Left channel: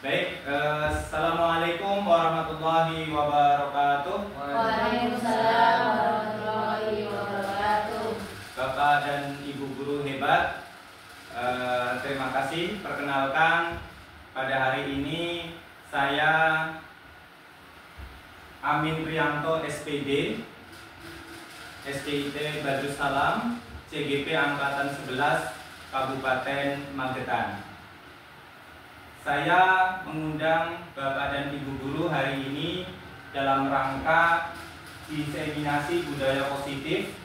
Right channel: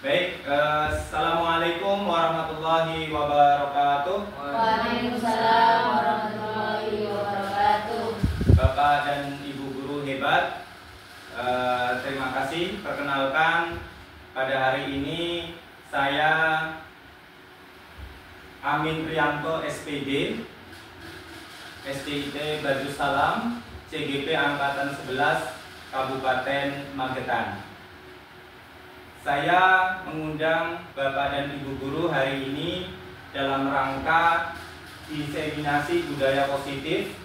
Baik, Assalamualaikum warahmatullahi wabarakatuh. Waalaikumsalam warahmatullahi wabarakatuh. Bapak dan Ibu guru hebat, terima kasih. Perkenalkan, pada hari ini saya Amin Priyanto SPD, SDIT Badrussalam, CGP Angkatan 11 Kabupaten Magetan. Saya mengundang Bapak dan Ibu guru hari ini dalam rangka diseminasi budaya positif.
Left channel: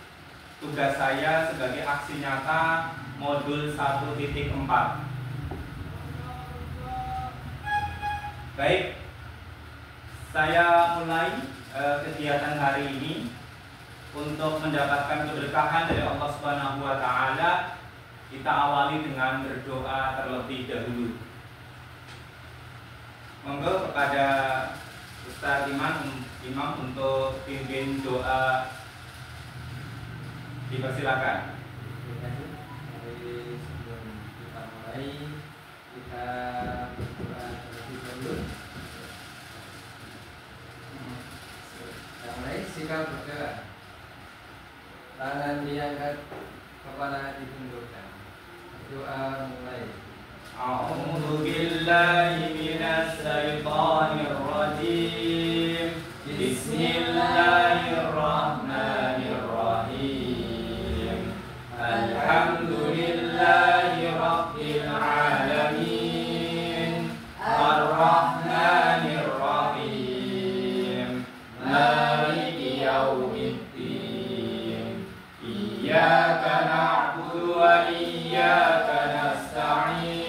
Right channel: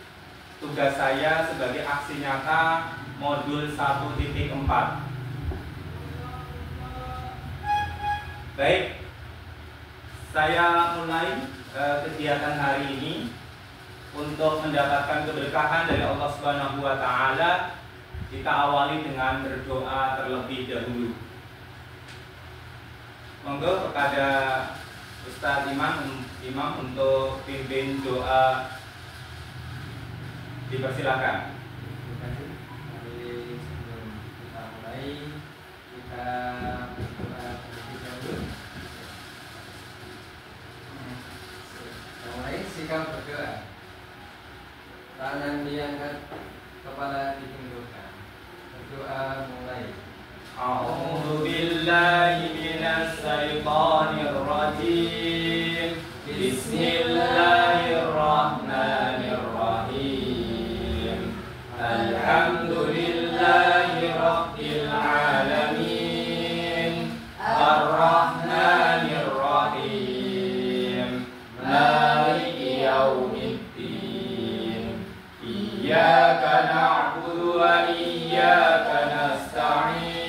Tugas saya sebagai aksi nyata modul 1.4. Baik, saya mulai kegiatan hari ini untuk mendapatkan keberkahan dari Allah Subhanahu wa taala. Kita awali dengan berdoa terlebih dahulu. Monggo kepada Ustadz Imam untuk pimpin doa, dipersilakan. Terima kasih. Mari sebelum kita mulai, kita berdoa terlebih dahulu. Kita mulai sikap berdoa. Tangan diangkat, kepala ditundukkan. Berdoa mulai. A'udzu billahi minas syaitonir rajim. Bismillahirrahmanirrahim. Alhamdulillahi rabbil alamin. Ar-Rahmanir Rahim. Maliki yaumiddin. Iyyaka na'budu wa iyyaka nasta'in.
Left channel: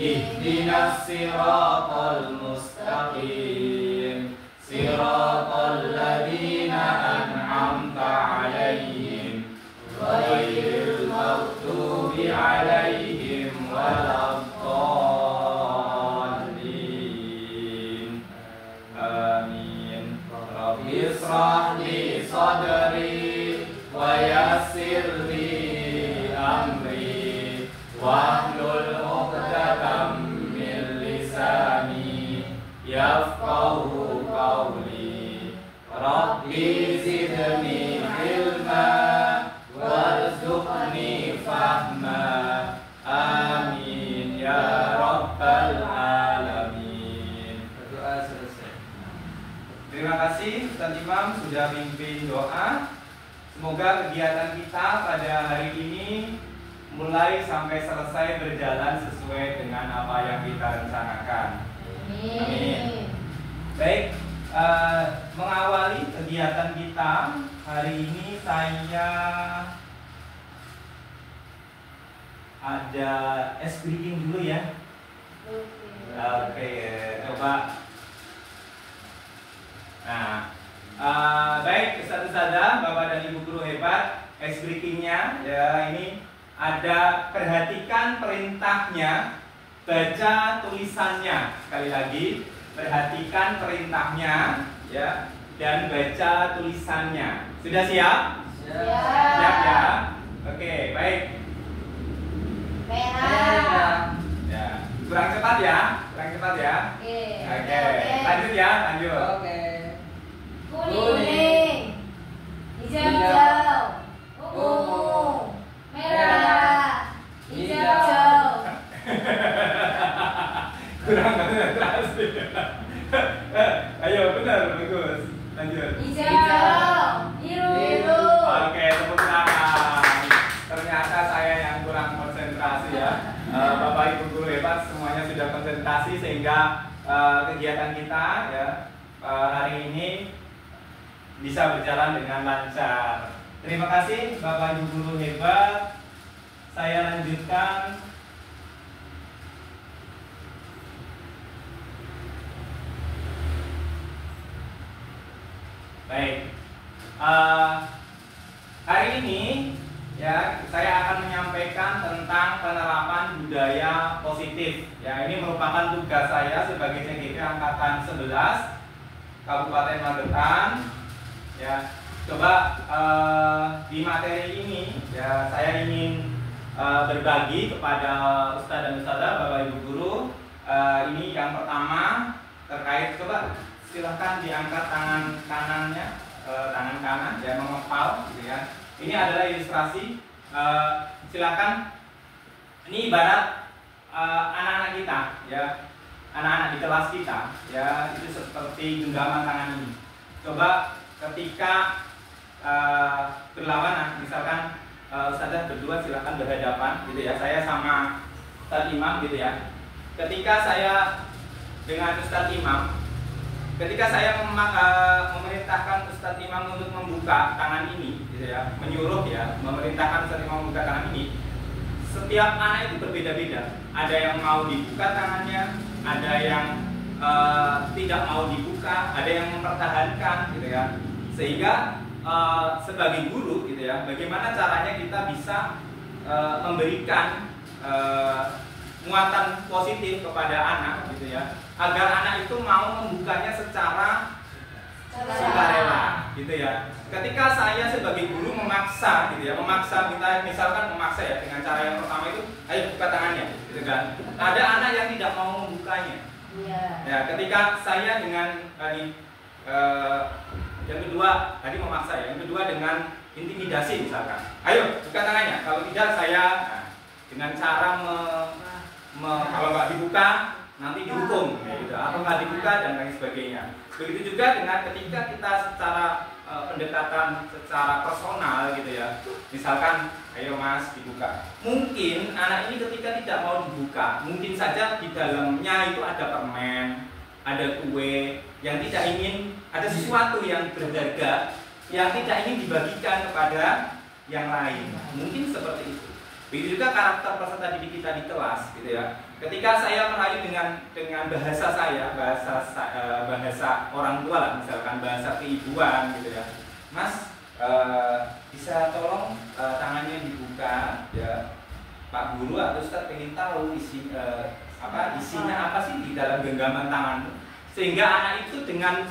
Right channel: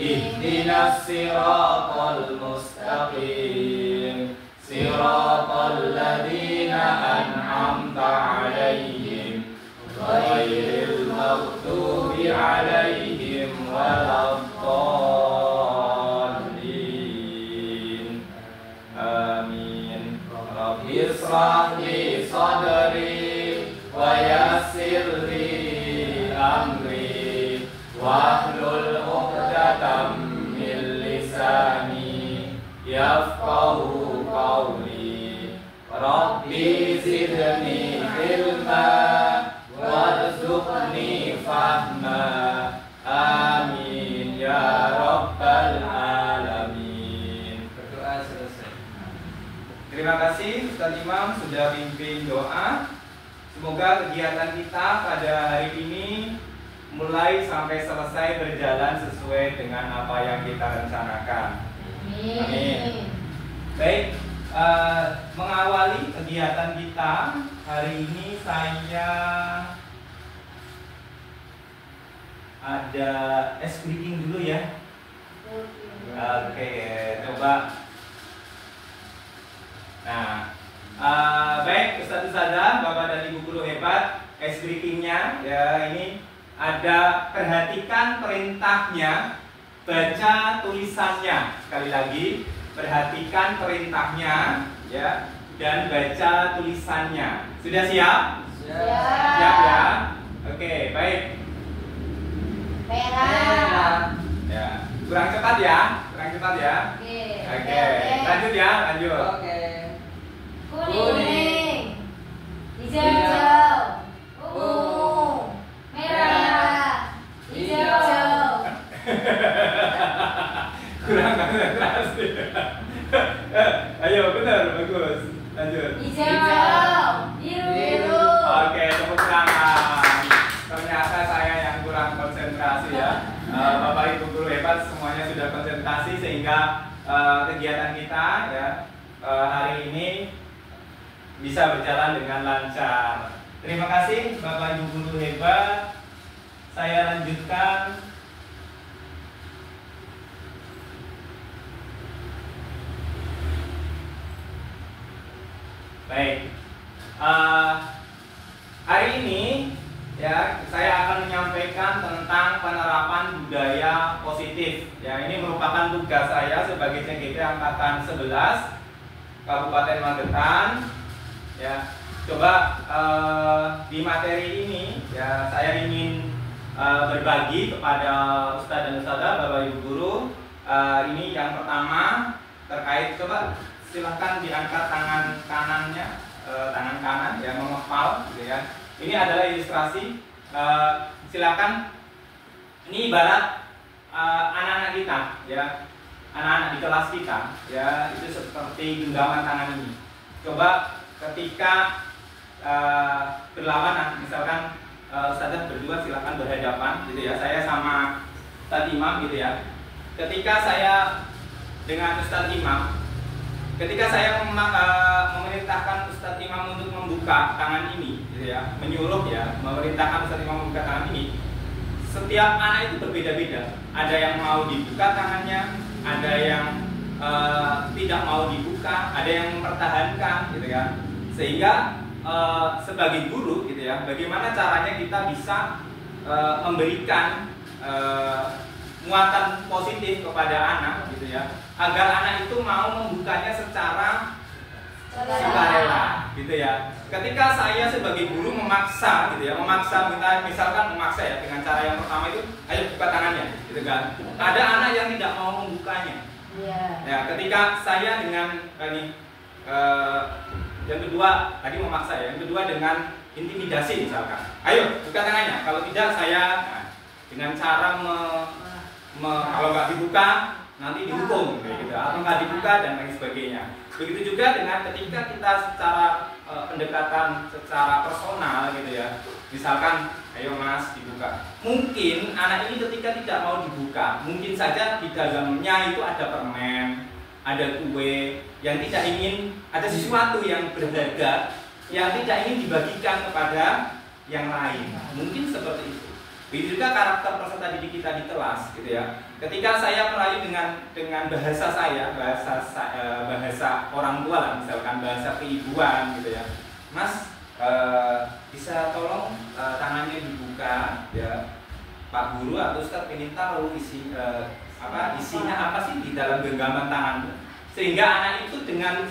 Ihdinas siratal mustaqim. Siratal ladzina an'amta 'alaihim ghairil maghdubi 'alaihim waladdallin. Amin. Rabbi ishrah li sadri wa yassir li amri wahlul 'uqdatam min lisani yafqahu qawli. Rabbi zidni ilma warzuqni fahma. Amin ya rabbal alamin. Berdoa selesai. Terima kasih Ustaz Imam sudah pimpin doa. Semoga kegiatan kita pada hari ini mulai sampai selesai berjalan sesuai dengan apa yang kita rencanakan. Amin. Baik, mengawali kegiatan kita hari ini saya ada ice breaking dulu ya. Oke, coba. Nah, baik Ustaz-Ustazah, Bapak dan Ibu guru hebat, ice breakingnya ya ini ada, perhatikan perintahnya, baca tulisannya. Sekali lagi, perhatikan perintahnya ya dan baca tulisannya. Sudah siap? Siap ya? Oke, baik. Merah. Ya, kurang cepat ya, kurang cepat ya. Oke, lanjut ya, lanjut. Oke. Kuning, hijau, ungu, merah, hijau. Kurang konsentrasi. Ayo, benar, bagus. Lanjut. Hijau, biru. Oke, tepuk tangan. Ternyata saya yang kurang konsentrasi ya. Bapak Ibu guru hebat semuanya sudah konsentrasi sehingga kegiatan kita ya hari ini bisa berjalan dengan lancar. Terima kasih Bapak Ibu guru hebat. Saya lanjutkan. Baik, hari ini ya saya akan menyampaikan tentang penerapan budaya positif. Ya, ini merupakan tugas saya sebagai CGP Angkatan 11 Kabupaten Magetan. Ya, coba di materi ini ya saya ingin berbagi kepada Ustadz dan Ustadzah, Bapak Ibu guru, Ini yang pertama terkait, coba silahkan diangkat tangan kanannya, tangan kanan ya, mengepal gitu ya. Ini adalah ilustrasi. Silakan. Ini ibarat anak-anak kita ya, anak-anak di kelas kita ya, itu seperti genggaman tangan ini. Coba ketika berlawanan, misalkan ustazah berdua silakan berhadapan gitu ya, saya sama Ustadz Imam gitu ya. Ketika saya dengan Ustadz Imam, ketika saya memerintahkan Ustadz Imam untuk membuka tangan ini gitu ya, menyuruh ya, memerintahkan Ustadz Imam membuka tangan ini, setiap anak itu berbeda-beda. Ada yang mau dibuka tangannya, ada yang tidak mau dibuka, ada yang mempertahankan gitu ya. Sehingga sebagai guru gitu ya, bagaimana caranya kita bisa memberikan muatan positif kepada anak gitu ya, agar anak itu mau membukanya secara sukarela gitu ya. Ketika saya sebagai guru memaksa gitu ya, misalkan memaksa ya dengan cara yang pertama itu, ayo buka tangannya gitu kan. Ada anak yang tidak mau membukanya. Ya, ketika saya dengan yang kedua tadi memaksa ya, yang kedua dengan intimidasi misalkan, ayo buka tangannya, kalau tidak saya dengan cara kalau nggak dibuka nanti dihukum gitu, atau nggak dibuka dan lain sebagainya. Begitu juga dengan ketika kita secara pendekatan secara personal gitu ya, misalkan ayo mas dibuka, mungkin anak ini ketika tidak mau dibuka, mungkin saja di dalamnya itu ada permen, ada kue yang tidak ingin, ada sesuatu yang berharga yang tidak ingin dibagikan kepada yang lain, mungkin seperti itu. Begitu juga karakter peserta didik kita di kelas gitu ya. Ketika saya merayu dengan bahasa saya, bahasa orang tua lah, misalkan bahasa keibuan gitu ya, mas bisa tolong tangannya dibuka ya, Pak Guru atau Ustadz pengen tahu isinya apa sih di dalam genggaman tanganmu, sehingga anak itu dengan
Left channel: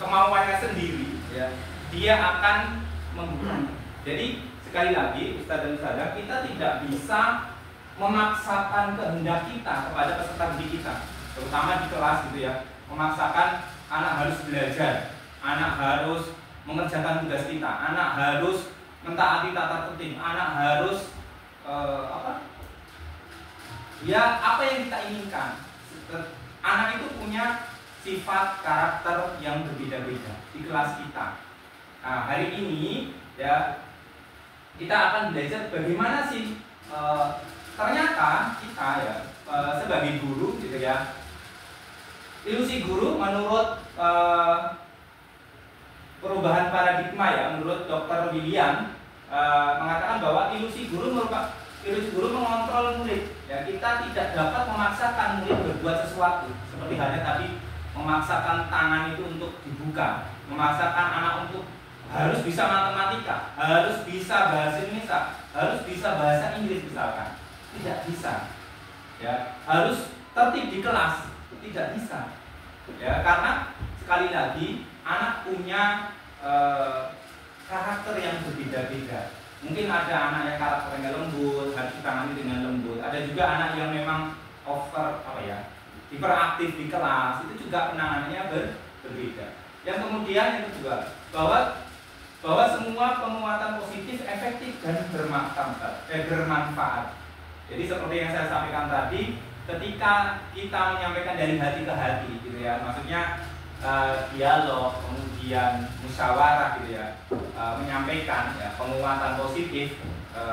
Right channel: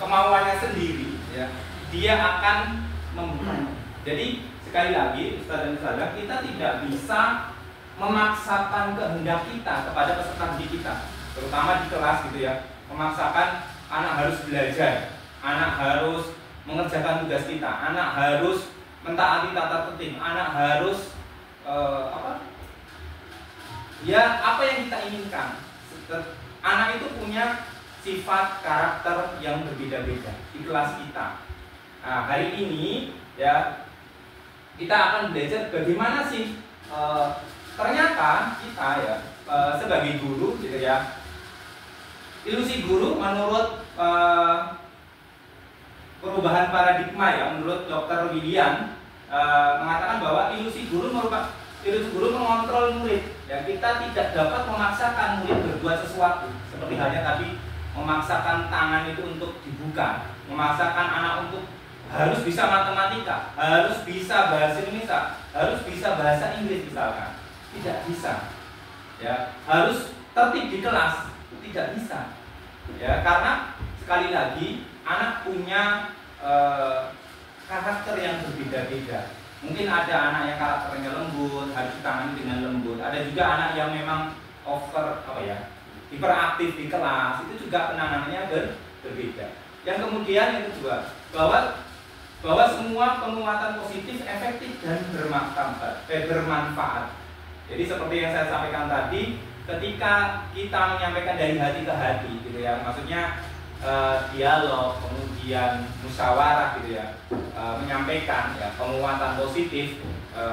kemauannya sendiri ya, dia akan membukanya. Jadi sekali lagi Ustaz dan Ustazah, kita tidak bisa memaksakan kehendak kita kepada peserta didik kita, terutama di kelas gitu ya, memaksakan anak harus belajar, anak harus mengerjakan tugas kita, anak harus mentaati tata tertib, anak harus apa yang kita inginkan. Anak itu punya sifat karakter yang berbeda-beda di kelas kita. Nah, hari ini ya kita akan belajar bagaimana sih ternyata kita ya sebagai guru gitu ya, ilusi guru menurut perubahan paradigma ya, menurut Dr. William mengatakan bahwa ilusi guru mengontrol murid ya. Kita tidak dapat memaksakan murid berbuat sesuatu, seperti halnya tadi memaksakan tangan itu untuk dibuka, memaksakan anak untuk harus bisa matematika, harus bisa bahasa Indonesia, harus bisa bahasa Inggris misalkan. Tidak bisa ya, harus tertib di kelas, tidak bisa ya, karena sekali lagi anak punya karakter yang berbeda-beda. Mungkin ada anak yang karakternya lembut, harus ditangani dengan lembut. Ada juga anak yang memang hiperaktif di kelas, itu juga penanganannya berbeda. Yang kemudian yang kedua, bahwa semua penguatan positif efektif dan bermanfaat. Jadi seperti yang saya sampaikan tadi, ketika kita menyampaikan dari hati ke hati gitu ya, maksudnya dialog, kemudian musyawarah gitu ya, menyampaikan ya, penguatan positif,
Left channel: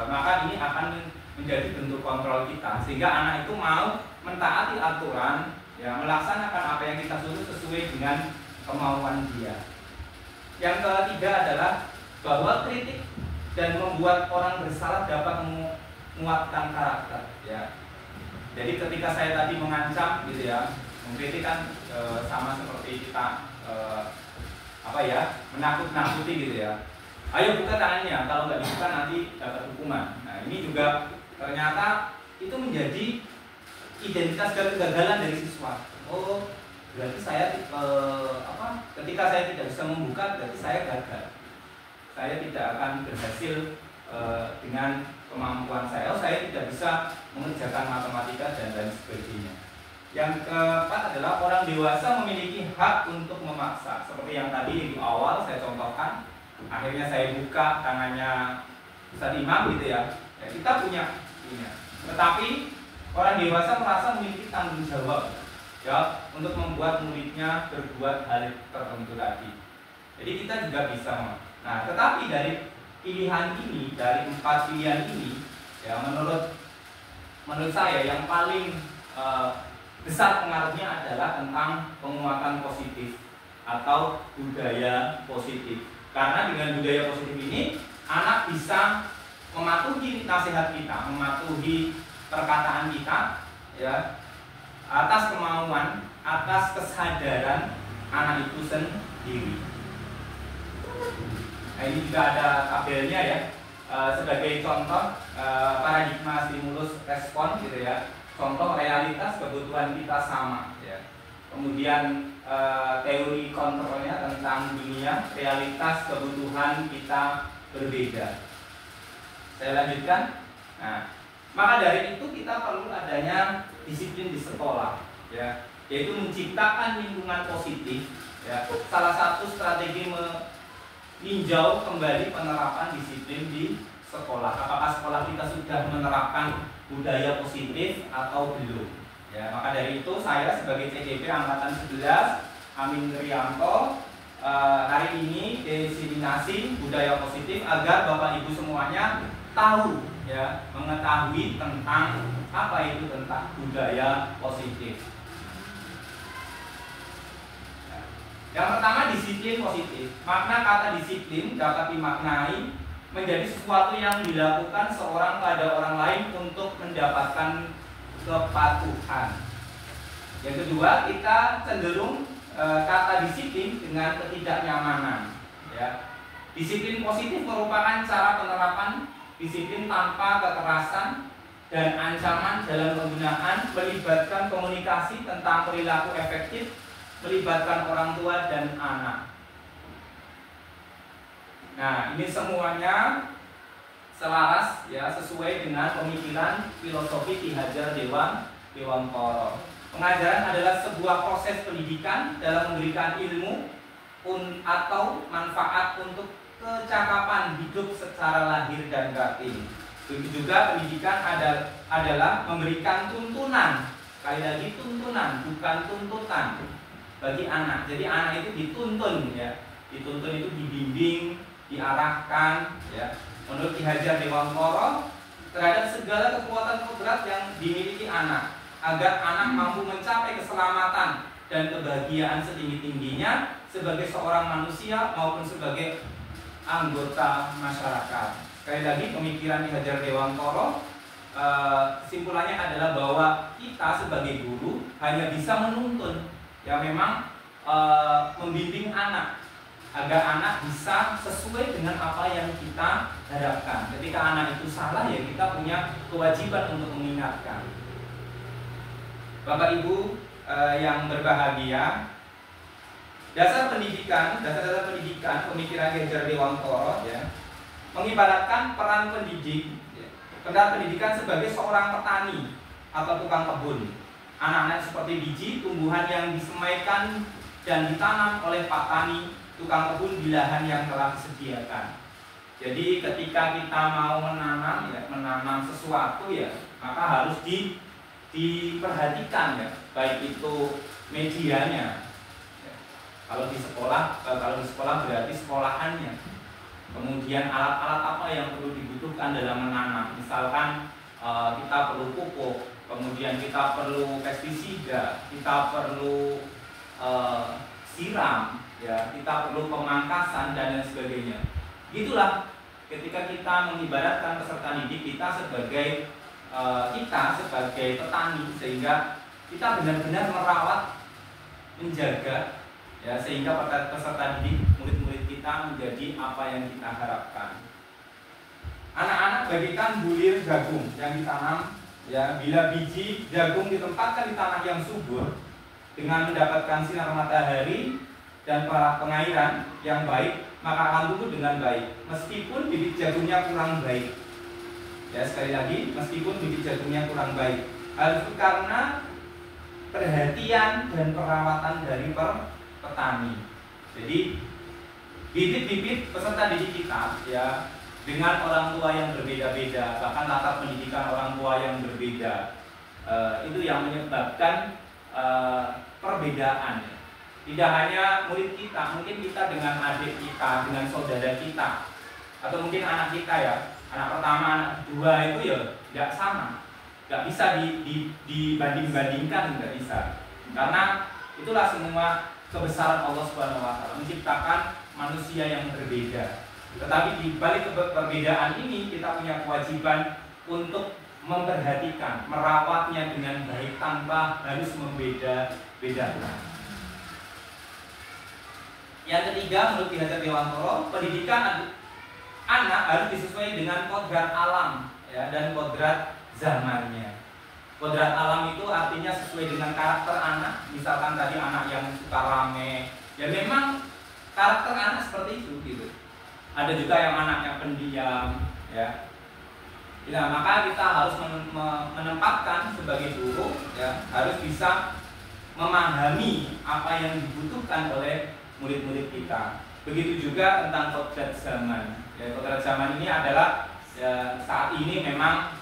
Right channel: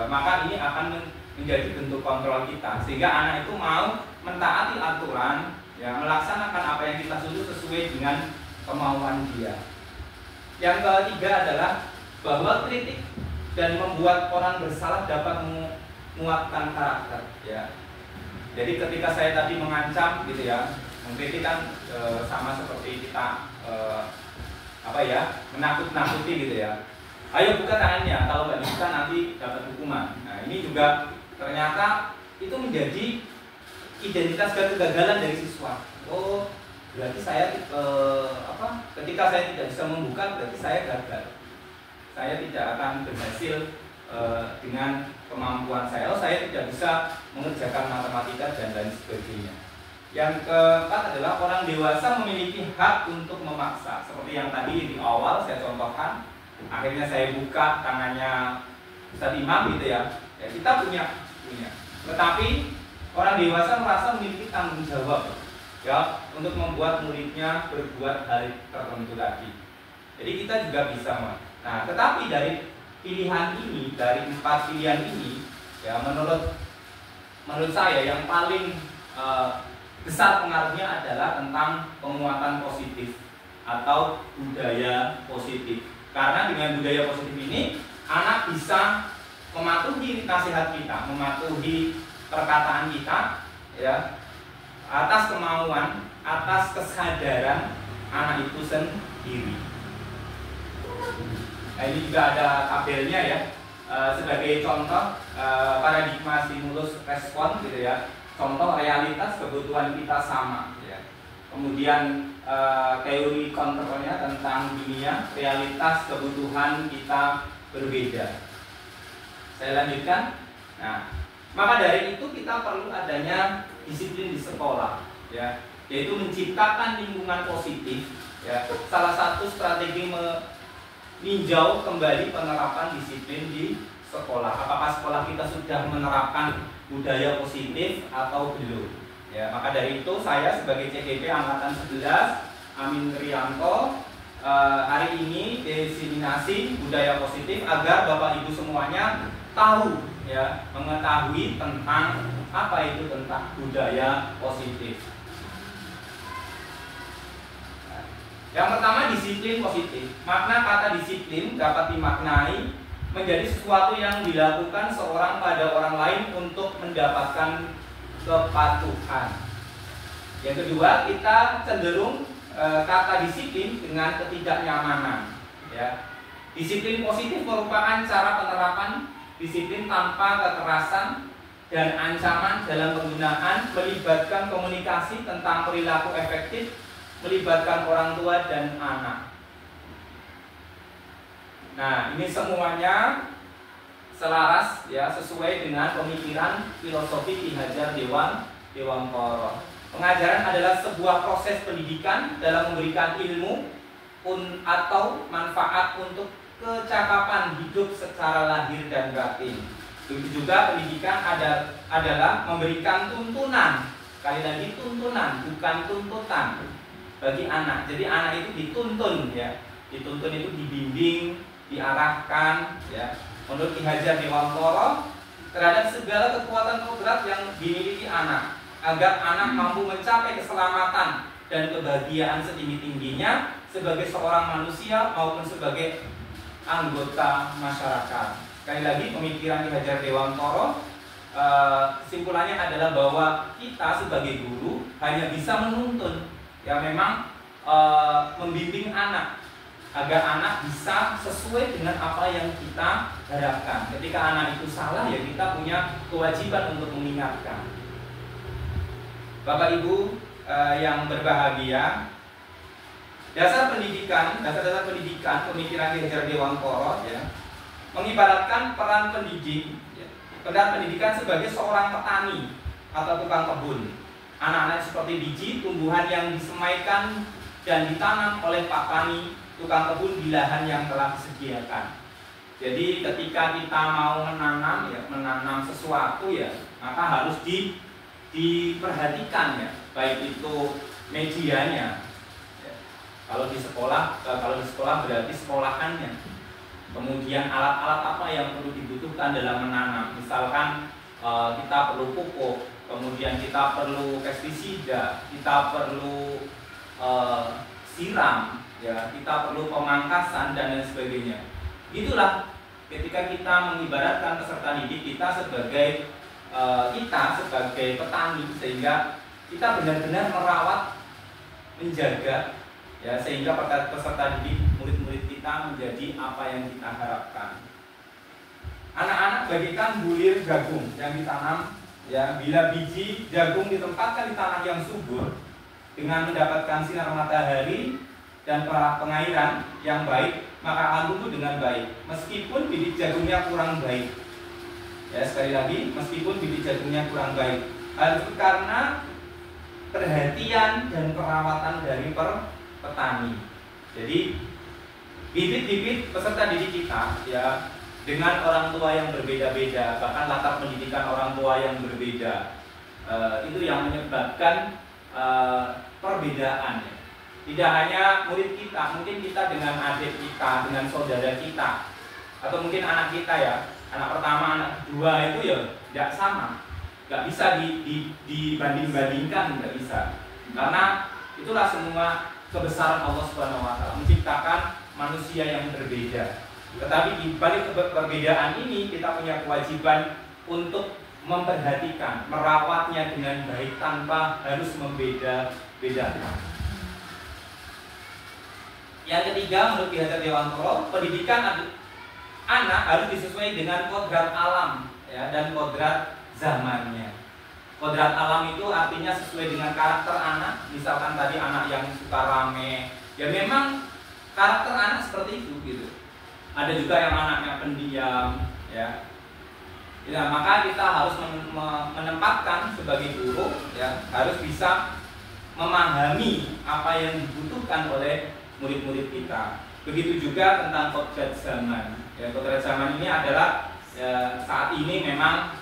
maka ini akan menjadi bentuk kontrol kita, sehingga anak itu mau mentaati aturan ya, melaksanakan apa yang kita suruh sesuai dengan kemauan dia. Yang ketiga adalah bahwa kritik dan membuat orang bersalah dapat menguatkan karakter ya. Jadi ketika saya tadi mengancam gitu ya, mengkritik kan sama seperti kita menakut-nakuti gitu ya. Ayo buka tangannya, kalau nggak dibuka nanti dapat hukuman. Nah ini juga ternyata itu menjadi identitas dan kegagalan dari siswa. Oh, berarti saya ketika saya tidak bisa membuka berarti saya gagal. Saya tidak akan berhasil dengan kemampuan saya. Oh, saya tidak bisa mengerjakan matematika dan lain sebagainya. Yang keempat adalah orang dewasa memiliki hak untuk memaksa. Seperti yang tadi di awal saya contohkan, akhirnya saya buka tangannya Ustaz Imam gitu ya. Ya kita punya. Tetapi orang dewasa merasa memiliki tanggung jawab ya untuk membuat muridnya berbuat hal tertentu lagi. Jadi kita juga bisa. Nah, tetapi dari pilihan ini, dari 4 pilihan ini, ya menurut saya yang paling besar pengaruhnya adalah tentang penguatan positif atau budaya positif. Karena dengan budaya positif ini, anak bisa mematuhi nasihat kita, mematuhi perkataan kita, ya, atas kemauan, atas kesadaran anak itu sendiri. Nah, ini juga ada tabelnya ya, sebagai contoh paradigma stimulus respon gitu ya. Contoh realitas kebutuhan kita sama ya. Kemudian teori kontrolnya tentang dunia, realitas kebutuhan kita berbeda. Saya lanjutkan. Nah, maka dari itu kita perlu adanya disiplin di sekolah ya, yaitu menciptakan lingkungan positif ya. Salah satu strategi meninjau kembali penerapan disiplin di sekolah. Apakah sekolah kita sudah menerapkan budaya positif atau belum? Ya, maka dari itu saya sebagai CGP angkatan 11 Amin Rianto hari ini diseminasi budaya positif agar Bapak Ibu semuanya tahu ya, mengetahui tentang apa itu tentang budaya positif. Yang pertama disiplin positif. Makna kata disiplin dapat dimaknai menjadi sesuatu yang dilakukan seorang pada orang lain untuk mendapatkan kepatuhan. Yang kedua, kita cenderung kata disiplin dengan ketidaknyamanan. Ya. Disiplin positif merupakan cara penerapan disiplin tanpa kekerasan dan ancaman dalam penggunaan, melibatkan komunikasi tentang perilaku efektif, melibatkan orang tua dan anak. Nah, ini semuanya selaras ya, sesuai dengan pemikiran filosofi Ki Hajar Dewantara. Pengajaran adalah sebuah proses pendidikan dalam memberikan ilmu atau manfaat untuk kecakapan hidup secara lahir dan batin. Begitu juga pendidikan adalah memberikan tuntunan. Sekali lagi tuntunan, bukan tuntutan bagi anak. Jadi anak itu dituntun ya. Dituntun itu dibimbing, diarahkan ya. Menurut Ki Hajar Dewantara terhadap segala kekuatan kodrat yang dimiliki anak agar anak mampu mencapai keselamatan dan kebahagiaan setinggi-tingginya sebagai seorang manusia maupun sebagai anggota masyarakat. Sekali lagi pemikiran Ki Hajar Dewantara kesimpulannya adalah bahwa kita sebagai guru hanya bisa menuntun ya, memang membimbing anak agar anak bisa sesuai dengan apa yang kita harapkan. Ketika anak itu salah ya kita punya kewajiban untuk mengingatkan. Bapak Ibu yang berbahagia, dasar pendidikan pemikiran Ki Hajar Dewantara ya, mengibaratkan peran pendidik ya, peran pendidikan sebagai seorang petani atau tukang kebun. Anak-anak seperti biji tumbuhan yang disemaikan dan ditanam oleh Pak Tani tukang kebun di lahan yang telah disediakan. Jadi ketika kita mau menanam ya, menanam sesuatu ya, maka harus diperhatikan ya, baik itu medianya. Ya. Kalau di sekolah berarti sekolahannya. Kemudian alat-alat apa yang perlu dibutuhkan dalam menanam. Misalkan kita perlu pupuk, kemudian kita perlu pestisida, kita perlu siram, ya, kita perlu pemangkasan dan lain sebagainya. Itulah ketika kita mengibaratkan peserta didik kita sebagai petani, sehingga kita benar-benar merawat, menjaga, ya, sehingga peserta didik murid-murid kita menjadi apa yang kita harapkan. Anak-anak bagikan bulir jagung yang ditanam, ya, bila biji jagung ditempatkan di tanah yang subur dengan mendapatkan sinar matahari dan pengairan yang baik, maka akan tumbuh dengan baik meskipun bibit jagungnya kurang baik. Ya, sekali lagi, meskipun bibit jagungnya kurang baik. Hal itu karena perhatian dan perawatan dari petani. Jadi bibit-bibit peserta didik kita ya dengan orang tua yang berbeda-beda, bahkan latar pendidikan orang tua yang berbeda, itu yang menyebabkan perbedaan. Tidak hanya murid kita, mungkin kita dengan adik kita, dengan saudara kita, atau mungkin anak kita ya, anak pertama, anak kedua itu ya tidak sama, nggak bisa dibanding-bandingkan, nggak bisa. Karena itulah semua kebesaran Allah Subhanahu Wa Taala menciptakan manusia yang berbeda. Tetapi di balik perbedaan ini kita punya kewajiban untuk memperhatikan, merawatnya dengan baik tanpa harus membeda-bedakan. Yang ketiga, menurut Ki Hajar Dewantoro, pendidikan anak harus disesuaikan dengan kodrat alam ya, dan kodrat zamannya. Kodrat alam itu artinya sesuai dengan karakter anak. Misalkan tadi anak yang suka rame, ya memang karakter anak seperti itu gitu. Ada juga yang anaknya pendiam ya. Ya, maka kita harus menempatkan sebagai guru ya, harus bisa memahami apa yang dibutuhkan oleh murid-murid kita. Begitu juga tentang kodrat zaman. Ya, kodrat zaman ini adalah ya, saat ini memang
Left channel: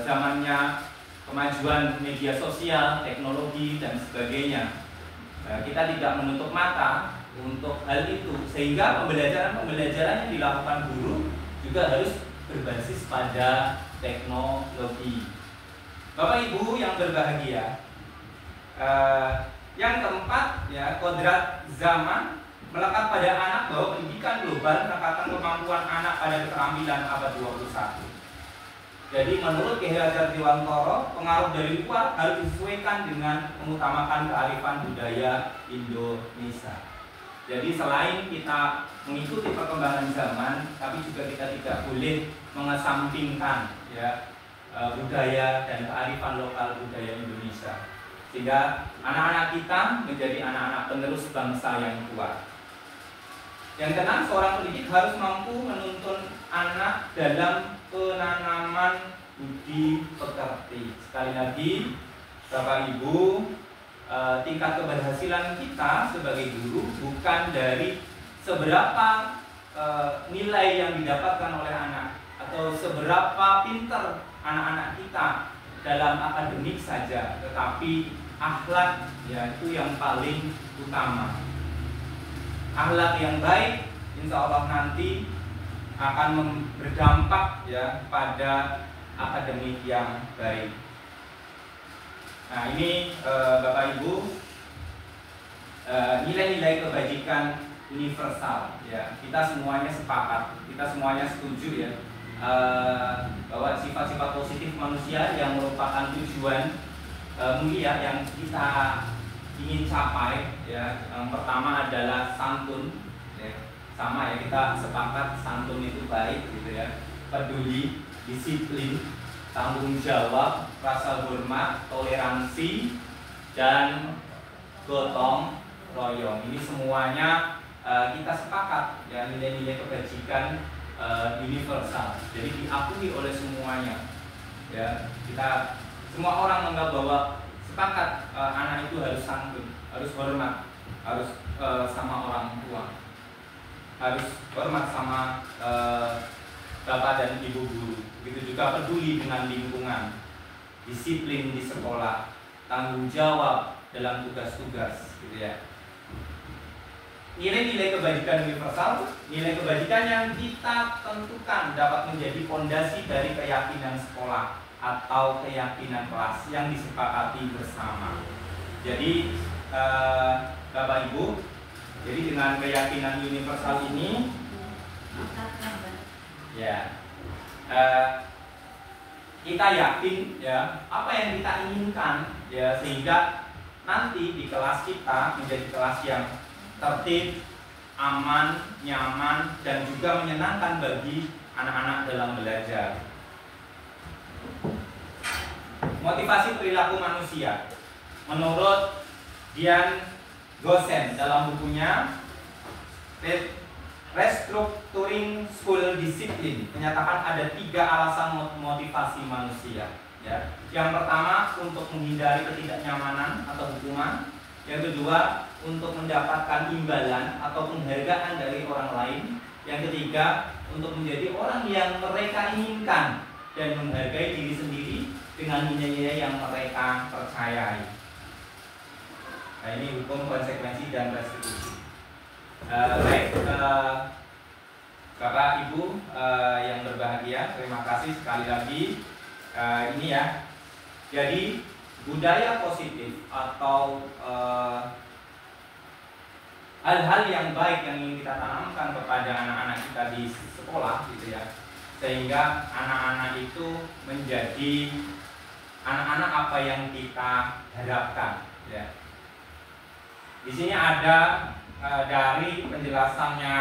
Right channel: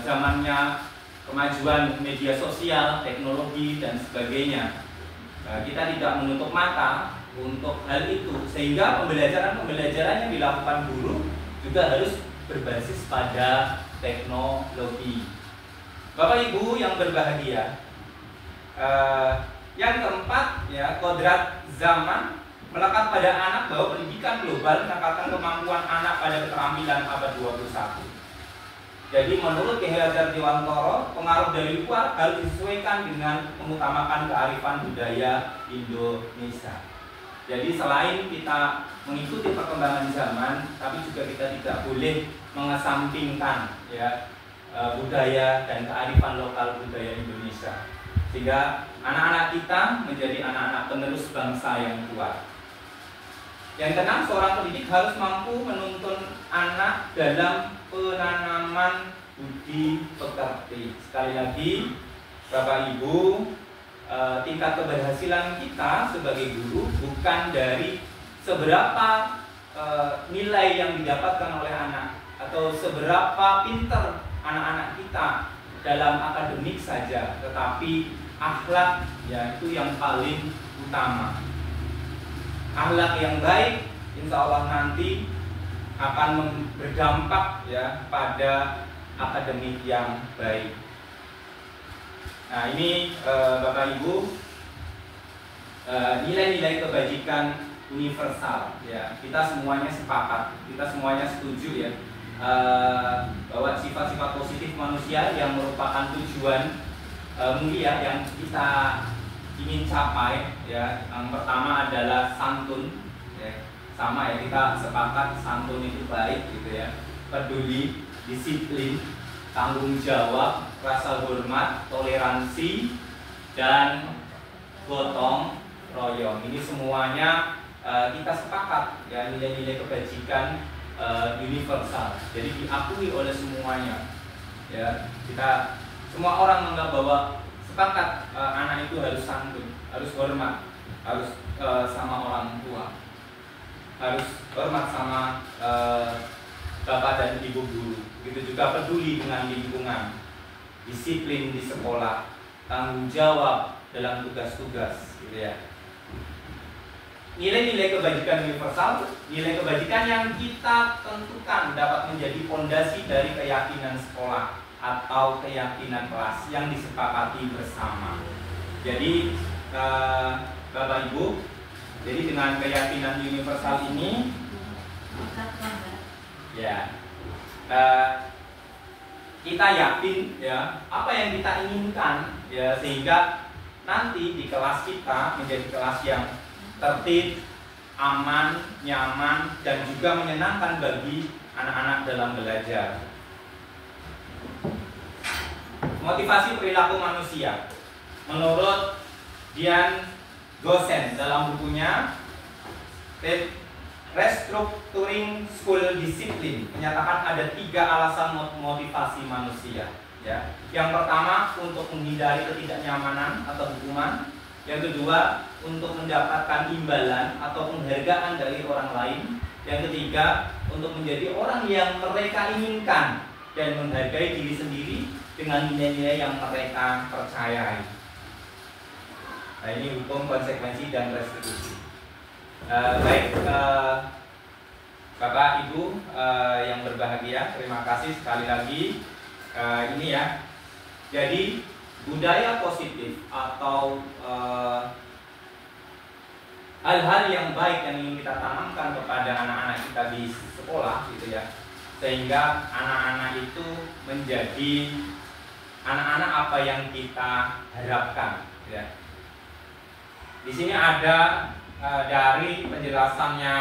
zamannya kemajuan media sosial, teknologi dan sebagainya. Kita tidak menutup mata untuk hal itu, sehingga pembelajaran yang dilakukan guru juga harus berbasis pada teknologi. Bapak Ibu yang berbahagia, yang keempat ya, kodrat zaman melekat pada anak bahwa pendidikan global meningkatkan kemampuan anak pada keterampilan abad 21. Jadi menurut Ki Hajar Dewantoro, pengaruh dari luar harus disesuaikan dengan mengutamakan kearifan budaya Indonesia. Jadi selain kita mengikuti perkembangan zaman, tapi juga kita tidak boleh mengesampingkan ya budaya dan kearifan lokal budaya Indonesia, sehingga anak-anak kita menjadi anak-anak penerus bangsa yang kuat. Yang keenam, seorang pendidik harus mampu menuntun anak dalam penanaman budi pekerti. Sekali lagi, Bapak Ibu, tingkat keberhasilan kita sebagai guru bukan dari seberapa nilai yang didapatkan oleh anak atau seberapa pintar anak-anak kita dalam akademik saja, tetapi akhlak ya itu yang paling utama. Akhlak yang baik insya Allah nanti akan berdampak ya pada akademik yang baik. Nah ini Bapak Ibu, nilai-nilai kebajikan universal ya, kita semuanya sepakat, kita semuanya setuju ya, bahwa sifat-sifat positif manusia yang merupakan tujuan mulia yang kita ingin capai ya. Yang pertama adalah santun ya. Sama ya, kita sepakat santun itu baik gitu ya, peduli, disiplin, tanggung jawab, rasa hormat, toleransi, dan gotong royong. Ini semuanya kita sepakat ya, nilai-nilai kebajikan universal. Jadi diakui oleh semuanya ya. Kita semua orang menganggap bahwa sepakat anak itu harus santun, harus hormat, harus sama orang tua, harus hormat sama bapak dan ibu guru. Begitu juga peduli dengan lingkungan, disiplin di sekolah, tanggung jawab dalam tugas-tugas, gitu ya. Nilai-nilai kebajikan universal, nilai kebajikan yang kita tentukan dapat menjadi fondasi dari keyakinan sekolah atau keyakinan kelas yang disepakati bersama. Jadi Bapak Ibu, jadi dengan keyakinan universal ini ya kita yakin ya apa yang kita inginkan ya, sehingga nanti di kelas kita menjadi kelas yang tertib, aman, nyaman, dan juga menyenangkan bagi anak-anak dalam belajar. Motivasi perilaku manusia menurut Dian Gosen dalam bukunya Restructuring School Discipline menyatakan ada 3 alasan motivasi manusia. Ya. Yang pertama untuk menghindari ketidaknyamanan atau hukuman. Yang kedua untuk mendapatkan imbalan atau penghargaan dari orang lain. Yang ketiga untuk menjadi orang yang mereka inginkan dan menghargai diri sendiri dengan nilai-nilai yang mereka percayai. Nah, ini hukum, konsekuensi, dan restitusi. Baik, Bapak Ibu yang berbahagia, terima kasih sekali lagi. Ini ya, jadi budaya positif atau hal-hal yang baik yang ingin kita tanamkan kepada anak-anak kita di sekolah, gitu ya, sehingga anak-anak itu menjadi anak-anak apa yang kita harapkan. Ya. Di sini ada dari penjelasannya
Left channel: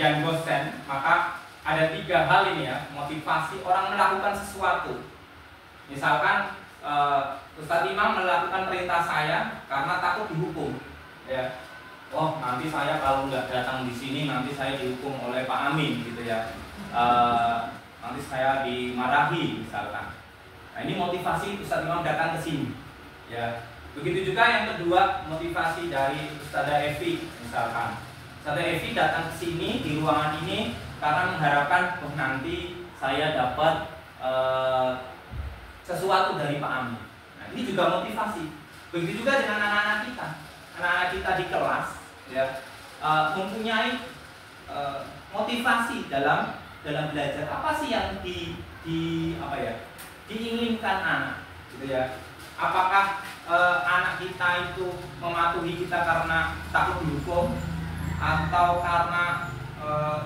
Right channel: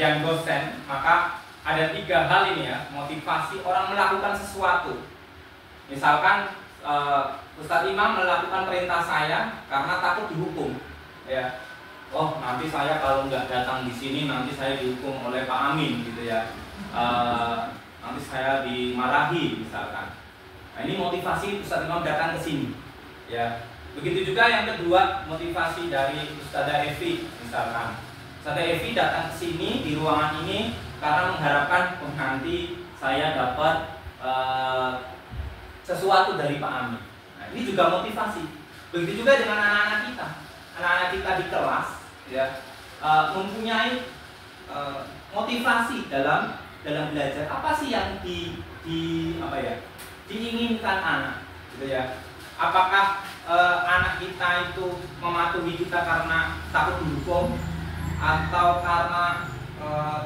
Jan Gosen, maka ada 3 hal ini ya, motivasi orang melakukan sesuatu. Misalkan Ustadz Imam melakukan perintah saya karena takut dihukum, ya. Oh, nanti saya kalau nggak datang di sini nanti saya dihukum oleh Pak Amin, gitu ya. Nanti saya dimarahi misalkan. Nah, ini motivasi Ustadz Imam datang ke sini, ya. Begitu juga yang kedua, motivasi dari Ustadzah Evi misalkan. Ustadzah Evi datang ke sini di ruangan ini karena mengharapkan nanti saya dapat sesuatu dari Pak Amin. Nah, ini juga motivasi. Begitu juga dengan anak-anak kita. Anak-anak kita di kelas, ya, mempunyai motivasi dalam belajar. Apa sih yang diinginkan anak, gitu ya? Apakah anak kita itu mematuhi kita karena takut dihukum atau karena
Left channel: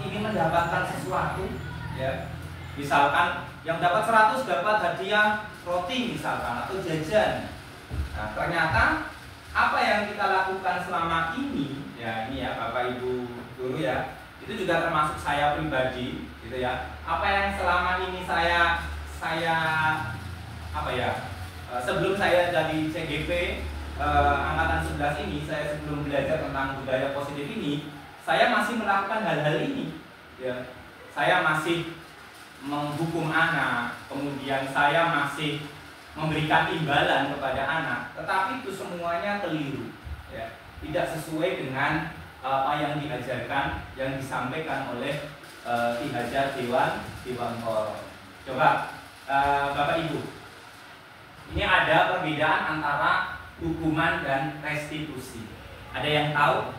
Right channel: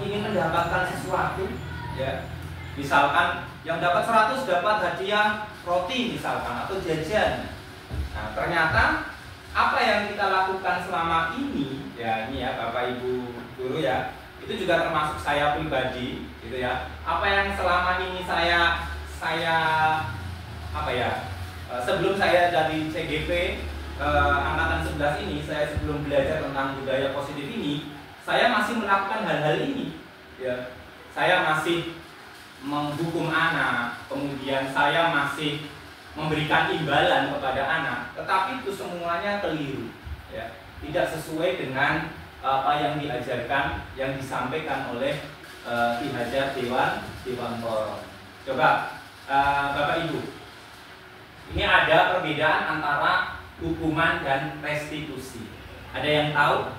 ingin mendapatkan sesuatu, ya? Misalkan yang dapat 100 dapat hadiah roti misalkan atau jajan. Nah, ternyata apa yang kita lakukan selama ini, ya ini ya Bapak Ibu guru ya, itu juga termasuk saya pribadi, gitu ya. Apa yang selama ini saya sebelum saya jadi CGP angkatan 11 ini, saya sebelum belajar tentang budaya positif ini, saya masih melakukan hal-hal ini, ya. Saya masih menghukum anak, kemudian saya masih memberikan imbalan kepada anak, tetapi itu semuanya keliru, ya. Tidak sesuai dengan apa yang diajarkan, yang disampaikan oleh Ki Hajar Dewantoro. Coba Bapak Ibu, ini ada perbedaan antara hukuman dan restitusi. Ada yang tahu?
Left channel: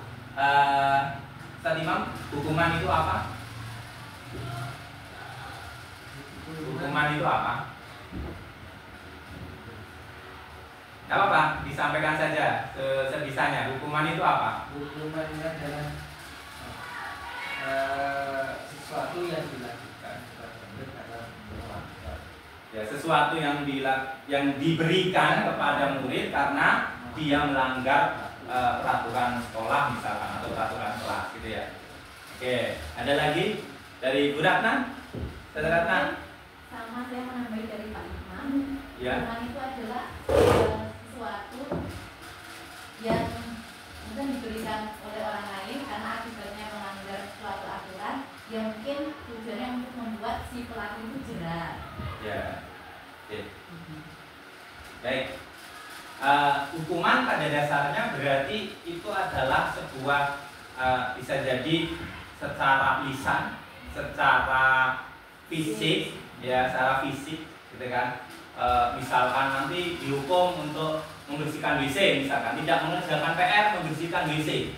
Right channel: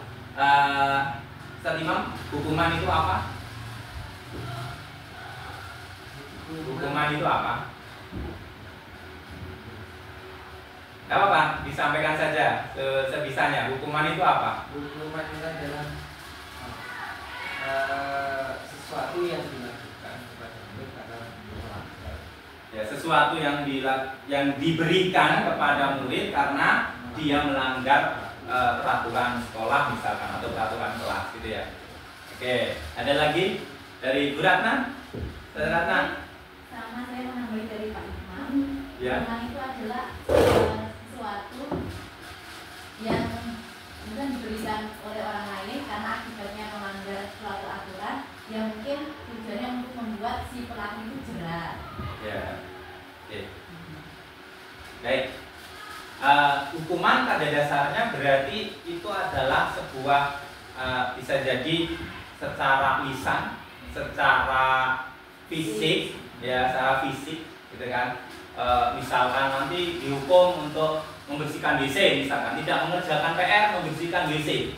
Ustadz Imam, hukuman itu apa? Hukuman itu apa? Gak apa-apa, disampaikan saja sebisanya. Hukuman itu apa? Hukuman itu adalah sesuatu yang dilakukan kepada murid karena melanggar. Ya, sesuatu yang diberikan kepada murid karena dia melanggar peraturan sekolah misalkan atau peraturan kelas, gitu ya. Oke, ada lagi dari Bu Ratna? Saudara Ratna? Sama, saya menambahi dari Pak Imam. Ya. Hukuman itu adalah sesuatu yang bukan diberikan oleh orang lain karena akibatnya melanggar suatu aturan yang mungkin tujuannya untuk membuat si pelaku itu jerah. Ya. Oke. Baik. Hukuman pada dasarnya berarti itu adalah sebuah bisa jadi secara lisan, secara fisik, ya, secara fisik, gitu kan. Misalkan nanti dihukum untuk membersihkan WC, misalkan tidak mengerjakan PR, membersihkan WC,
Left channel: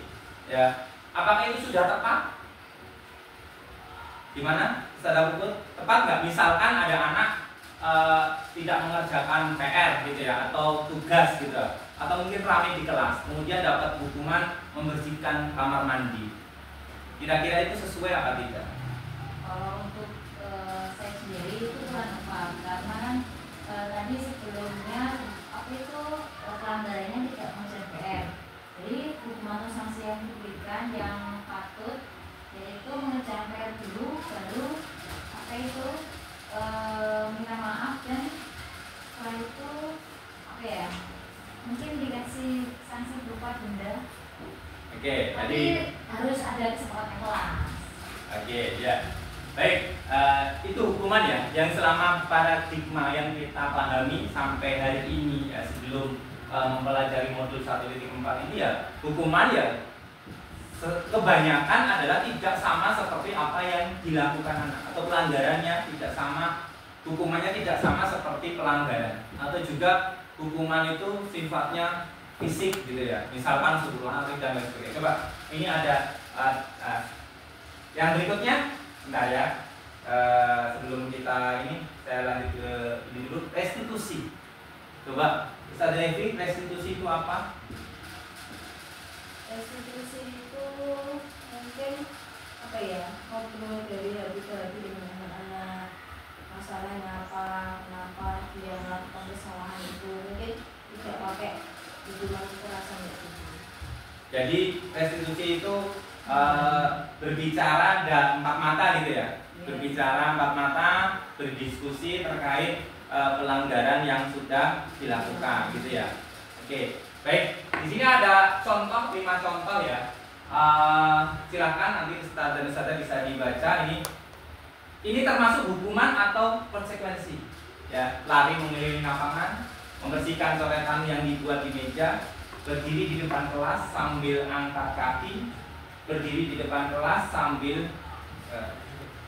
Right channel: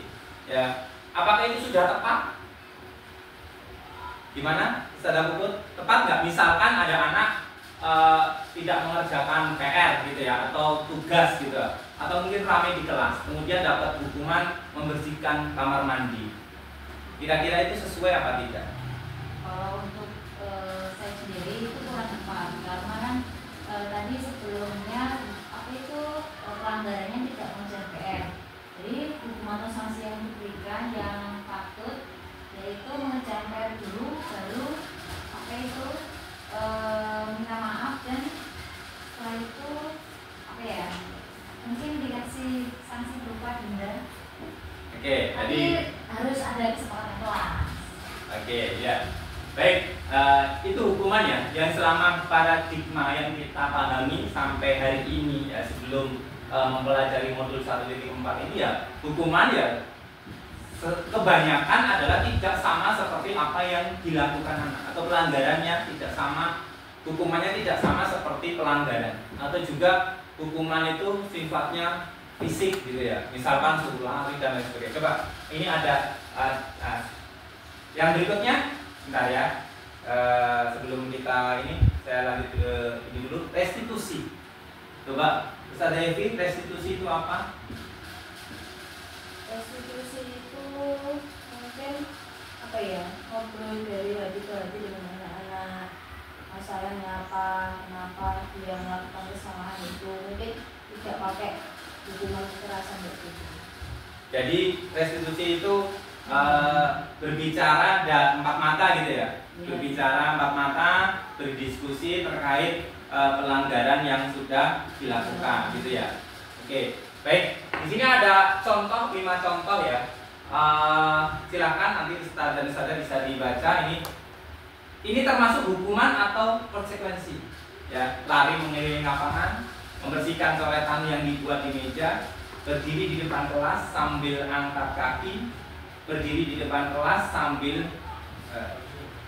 ya. Apakah itu sudah tepat? Gimana? Saudara Puput, tepat nggak? Misalkan ada anak tidak mengerjakan PR, gitu ya, atau tugas, gitu, atau mungkin ramai di kelas, kemudian dapat hukuman membersihkan kamar mandi. Kira-kira itu sesuai apa tidak? Kalau untuk saya sendiri itu kurang tepat karena kan tadi sebelumnya apa itu pelanggarannya tidak mengerjakan PR. Jadi hukuman atau sanksi yang diberikan yang patut yaitu mengerjakan PR dulu, baru apa itu minta maaf dan setelah itu apa ya? Mungkin dikasih sanksi berupa denda. Oke, Tapi jadi harus ada kesepakatan kelas. Oke, ya. Baik, itu hukuman ya yang selama paradigma yang kita pahami sampai hari ini ya, sebelum mempelajari modul 1.4 ini ya, hukuman ya kebanyakan adalah tidak sama seperti apa yang dilakukan anak, atau pelanggarannya tidak sama, hukumannya tidak sama seperti pelanggaran, atau juga hukuman itu sifatnya fisik gitu ya, misalkan suruh lari dan lain sebagainya. Coba ini ada yang berikutnya, bentar ya, sebelum kita ini saya lanjut ke ini dulu, restitusi. Coba Ustaz Devi, restitusi itu apa? Restitusi itu mungkin apa ya, ngobrol dari hati ke hati dengan anak-anak, masalahnya apa, kenapa dia melakukan kesalahan itu, mungkin tidak pakai hukuman kekerasan gitu. Jadi restitusi itu berbicara ada empat mata gitu ya, berbicara empat mata, berdiskusi terkait pelanggaran yang sudah dilakukan gitu ya. Oke, baik. Di sini ada contoh, 5 contoh ya. Silahkan nanti Ustaz dan Ustazah bisa dibaca ini. Ini termasuk hukuman atau konsekuensi ya. Lari mengelilingi lapangan, membersihkan coretan yang dibuat di meja, berdiri di depan kelas sambil angkat kaki, berdiri di depan kelas sambil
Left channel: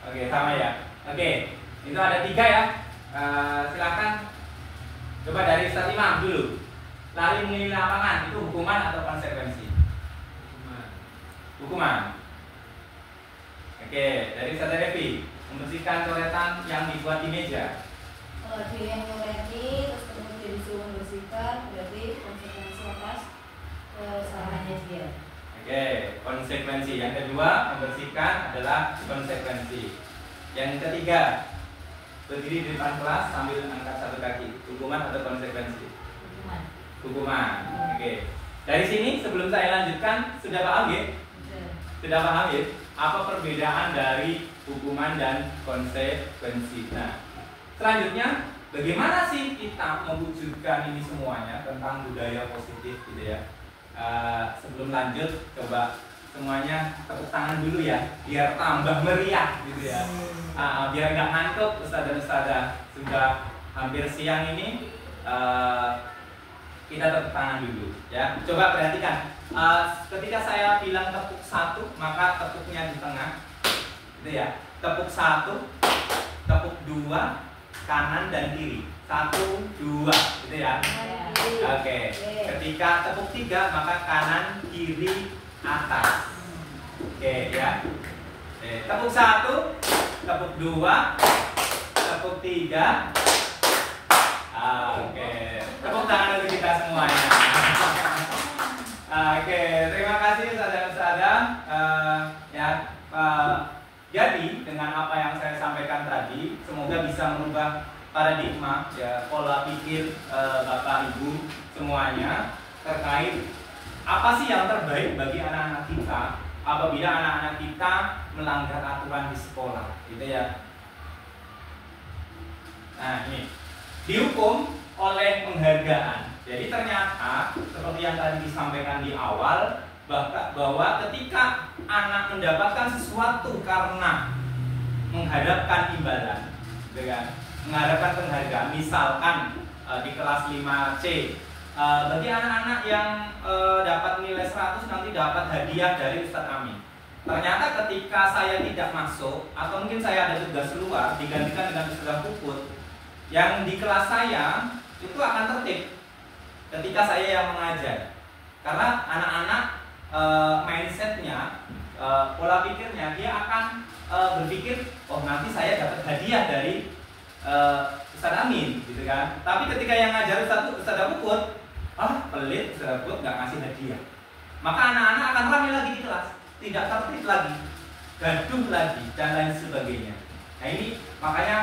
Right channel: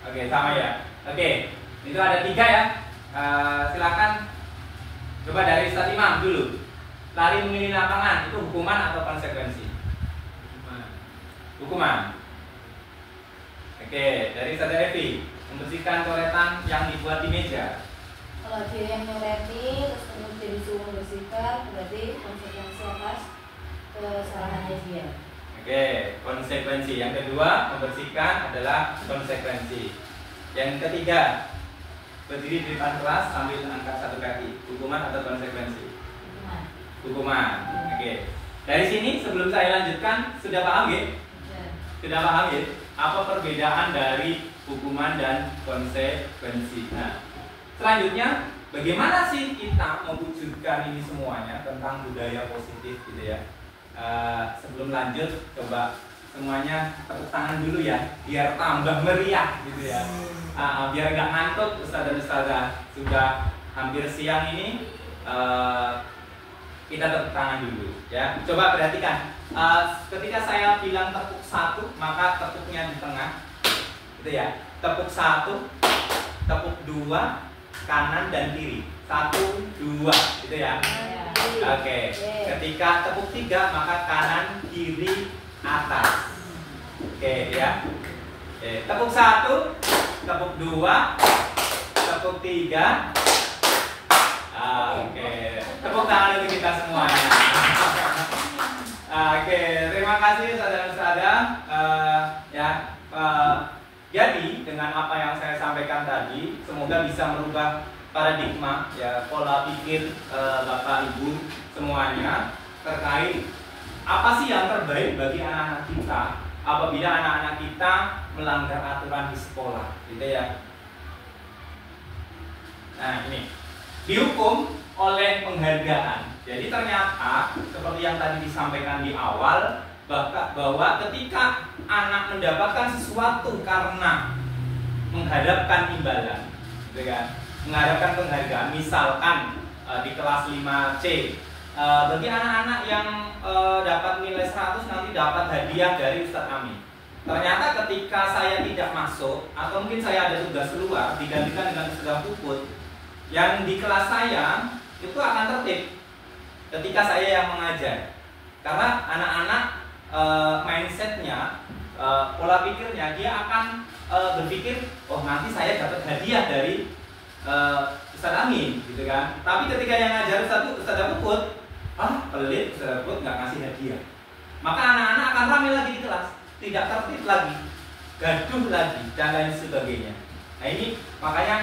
oke, sama ya. Oke, itu ada 3 ya. Silakan coba dari Ustaz Imam dulu. Lari mengelilingi lapangan itu hukuman atau konsekuensi? Hukuman. Oke, dari Ustaz Devi, membersihkan coretan yang dibuat di meja. Kalau dia yang nyoleti terus kemudian disuruh membersihkan, berarti konsekuensi atas kesalahannya dia. Oke, konsekuensi. Yang kedua, membersihkan adalah konsekuensi. Yang ketiga, berdiri di depan kelas sambil angkat 1 kaki. Hukuman atau konsekuensi? Hukuman. Oke. Dari sini sebelum saya lanjutkan, sudah paham ya? Sudah paham ya? Apa perbedaan dari hukuman dan konsekuensi? Nah, selanjutnya bagaimana sih kita mewujudkan ini semuanya tentang budaya positif gitu ya? Sebelum lanjut, coba semuanya tepuk tangan dulu ya, biar tambah meriah gitu ya. Biar nggak ngantuk Ustaz dan Ustazah. Sudah hampir siang ini, kita tepuk tangan dulu ya. Coba perhatikan, ketika saya bilang tepuk 1, maka tepuknya di tengah gitu ya. Tepuk 1, tepuk 2, kanan dan kiri. 1, 2 gitu ya. Oke. Ketika tepuk 3, maka kanan, kiri, atas. Oke ya. Tepuk 1, tepuk 2, tepuk 3. Oke. Tepuk tangan untuk kita semuanya. Oke, terima kasih saudara-saudara. Jadi dengan apa yang saya sampaikan tadi, semoga bisa merubah paradigma ya, pola pikir Bapak Ibu semuanya terkait apa sih yang terbaik bagi anak-anak kita apabila anak-anak kita melanggar aturan di sekolah, gitu ya. Nah, ini dihukum oleh penghargaan. Jadi ternyata seperti yang tadi disampaikan di awal, bahwa ketika anak mendapatkan sesuatu karena mengharapkan imbalan, gitu kan? Mengharapkan penghargaan, misalkan di kelas 5C, bagi anak-anak yang dapat nilai 100 nanti dapat hadiah dari Ustaz Amin. Ternyata ketika saya tidak masuk atau mungkin saya ada tugas luar digantikan dengan tugas puput, yang di kelas saya itu akan tertib ketika saya yang mengajar, karena anak-anak mindsetnya, pola pikirnya dia akan berpikir, oh nanti saya dapat hadiah dari Ustaz Amin, gitu kan. Tapi ketika yang ngajar Ustaz Puput, pelit, Ustaz Puput nggak ngasih hadiah, maka anak-anak akan ramai lagi di kelas, tidak tertib lagi, gaduh lagi dan lain sebagainya. Nah ini makanya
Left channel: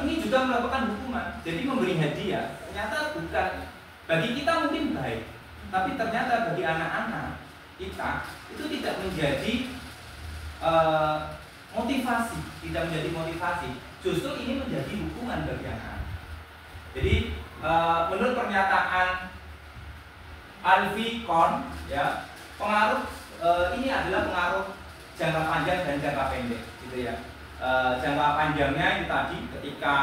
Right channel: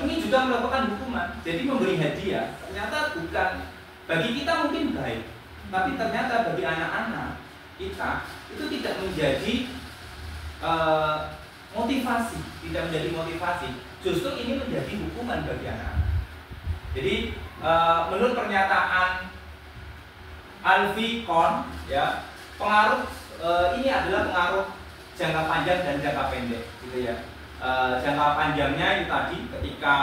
ini juga melakukan hukuman. Jadi memberi hadiah ternyata bukan bagi kita mungkin baik, tapi ternyata bagi anak-anak kita itu tidak menjadi motivasi, tidak menjadi motivasi. Justru ini menjadi hukuman bagi anak-anak. Jadi menurut pernyataan Alfie Kohn, ya, pengaruh ini adalah pengaruh jangka panjang dan jangka pendek, gitu ya. Jangka panjangnya itu tadi ketika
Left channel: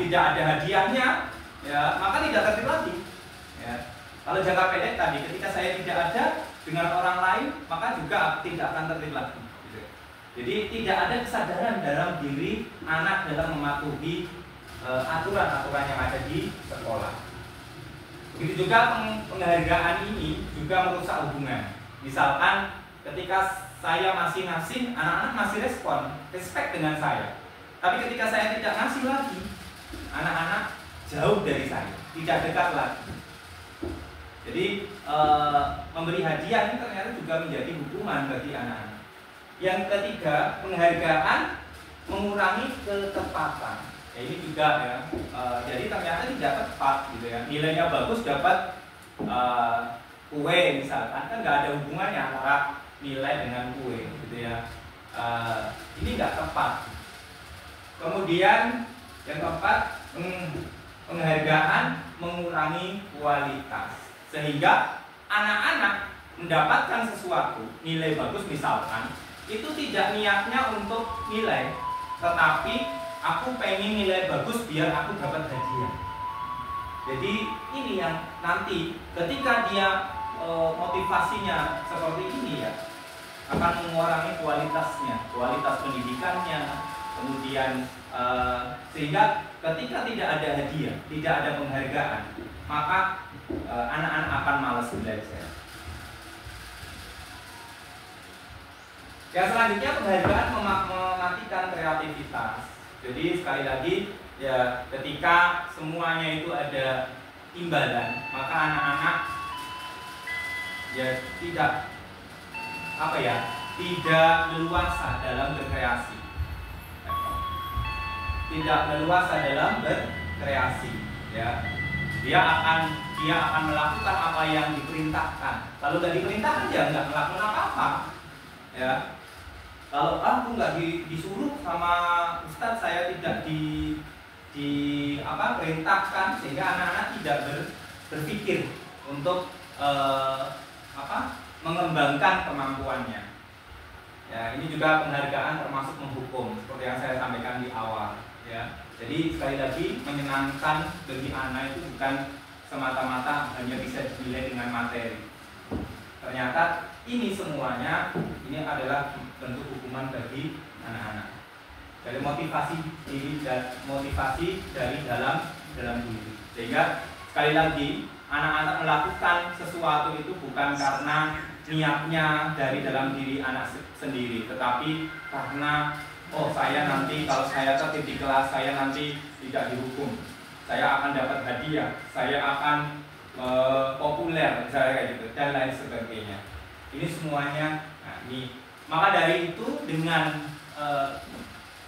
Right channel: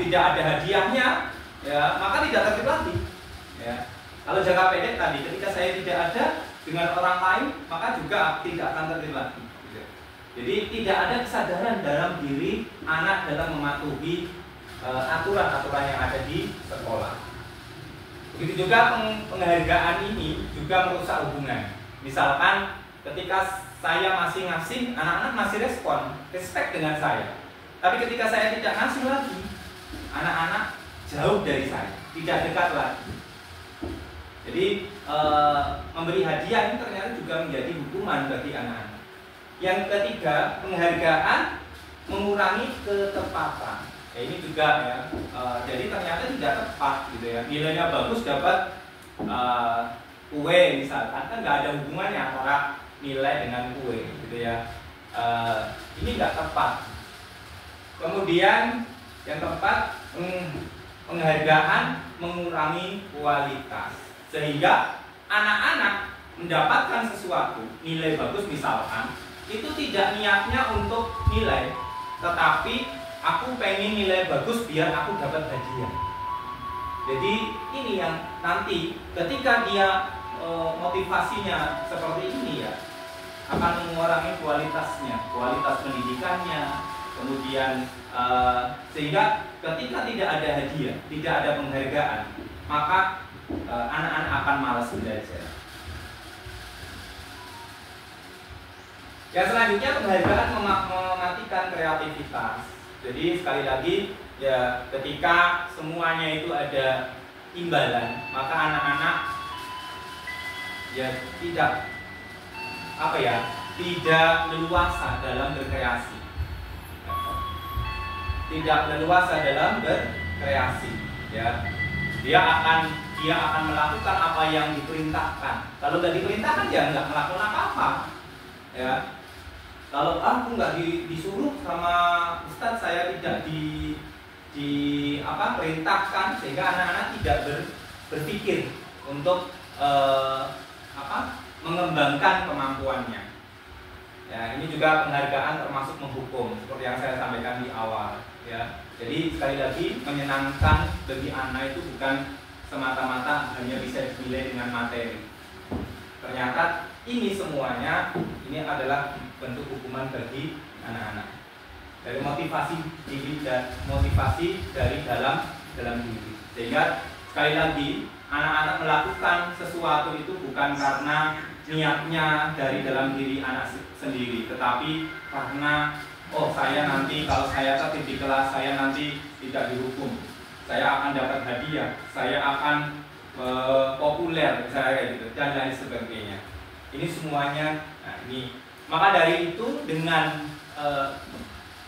tidak ada hadiahnya, ya maka tidak tertib lagi. Ya. Kalau jangka pendek tadi, ketika saya tidak ada dengan orang lain, maka juga tidak akan tertib lagi. Gitu. Jadi tidak ada kesadaran dalam diri anak dalam mematuhi aturan-aturan yang ada di sekolah. Begitu juga penghargaan ini juga merusak hubungan. Misalkan ketika saya masih ngasih, anak-anak masih respect dengan saya. Tapi ketika saya tidak ngasih lagi, anak-anak jauh dari saya, tidak dekat lagi. Jadi memberi hadiah ini ternyata juga menjadi hukuman bagi anak-anak. Yang ketiga, penghargaan mengurangi ketepatan. Ya, ini juga ya, jadi ternyata tidak tepat gitu ya. Nilainya bagus dapat kue misalkan, kan nggak ada hubungannya antara nilai dengan kue gitu ya. Ini nggak tepat. Kemudian yang keempat, penghargaan mengurangi kualitas, sehingga anak-anak mendapatkan sesuatu nilai bagus misalkan, itu tidak niatnya untuk nilai, tetapi aku pengen nilai bagus biar aku dapat hadiah. Jadi ini yang nanti ketika dia motivasinya seperti ini ya, akan mengurangi kualitasnya, kualitas pendidikannya. Kemudian sehingga ketika tidak ada hadiah, tidak ada penghargaan, maka anak-anak akan malas belajar. Yang selanjutnya, penghargaan mematikan kreativitas. Jadi sekali lagi ya, ketika semuanya itu ada imbalan, maka anak-anak ya tidak leluasa dalam berkreasi. Tidak leluasa dalam berkreasi, ya. Dia akan melakukan apa yang diperintahkan. Kalau nggak diperintahkan ya nggak melakukan apa-apa, ya. Kalau aku nggak disuruh sama Ustadz, saya tidak perintahkan, sehingga anak-anak tidak berpikir untuk mengembangkan kemampuannya. Ya, ini juga penghargaan termasuk menghukum, seperti yang saya sampaikan di awal. Ya, jadi sekali lagi, menyenangkan bagi anak itu bukan semata-mata hanya bisa dinilai dengan materi. Ternyata ini semuanya ini adalah bentuk hukuman bagi anak-anak. Dari motivasi diri dan motivasi dari dalam diri. Sehingga sekali lagi, anak-anak melakukan sesuatu itu bukan karena niatnya dari dalam diri anak sendiri, tetapi karena saya nanti kalau saya tertib di kelas, saya nanti tidak dihukum, saya akan dapat hadiah, saya akan populer, misalnya kayak gitu, dan lain sebagainya. Ini semuanya, ini. Maka dari itu dengan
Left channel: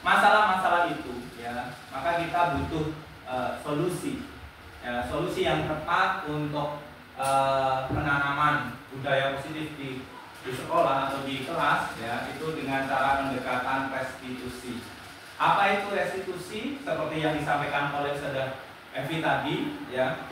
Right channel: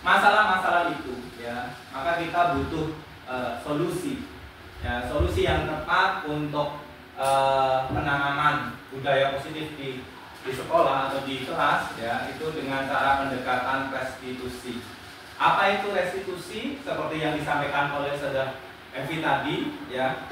masalah-masalah itu, ya, maka kita butuh solusi, ya, solusi yang tepat untuk penanaman budaya positif di sekolah atau di kelas, ya, itu dengan cara pendekatan restitusi. Apa itu restitusi? Seperti yang disampaikan oleh Saudara Evi tadi, ya.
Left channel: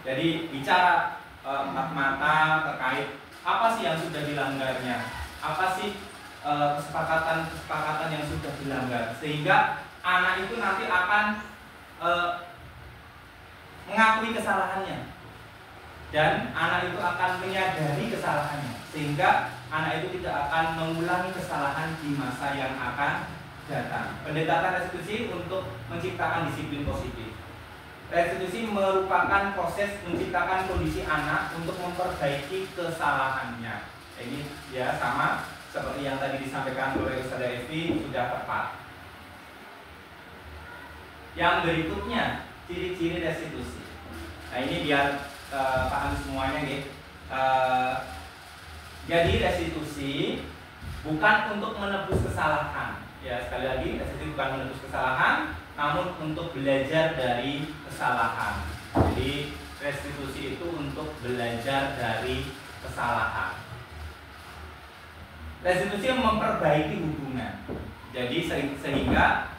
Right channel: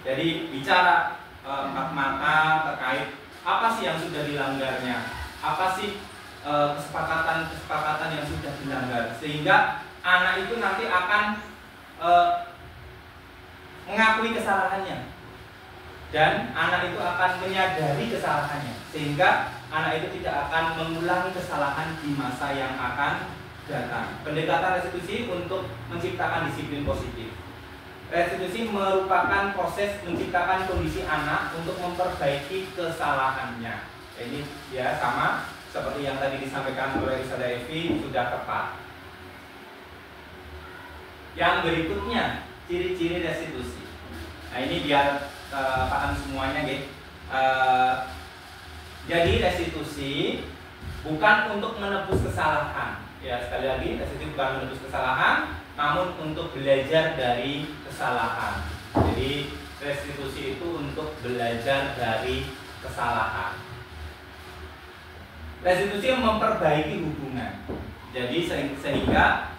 Jadi bicara empat mata terkait apa sih yang sudah dilanggarnya, apa sih kesepakatan yang sudah dilanggar, sehingga anak itu nanti akan mengakui kesalahannya, dan anak itu akan menyadari kesalahannya, sehingga anak itu tidak akan mengulangi kesalahan di masa yang akan datang. Pendekatan restitusi untuk menciptakan disiplin positif. Restitusi merupakan proses menciptakan kondisi anak untuk memperbaiki kesalahannya. Ini ya sama seperti yang tadi disampaikan oleh Ustazah Evi, sudah tepat. Yang berikutnya, ciri-ciri restitusi. Nah, ini biar paham semuanya, gitu. Jadi restitusi bukan untuk menebus kesalahan. Ya, sekali lagi, restitusi bukan menebus kesalahan, namun untuk belajar dari kesalahan. Jadi restitusi itu untuk belajar dari kesalahan. Restitusi memperbaiki hubungan. Jadi sehingga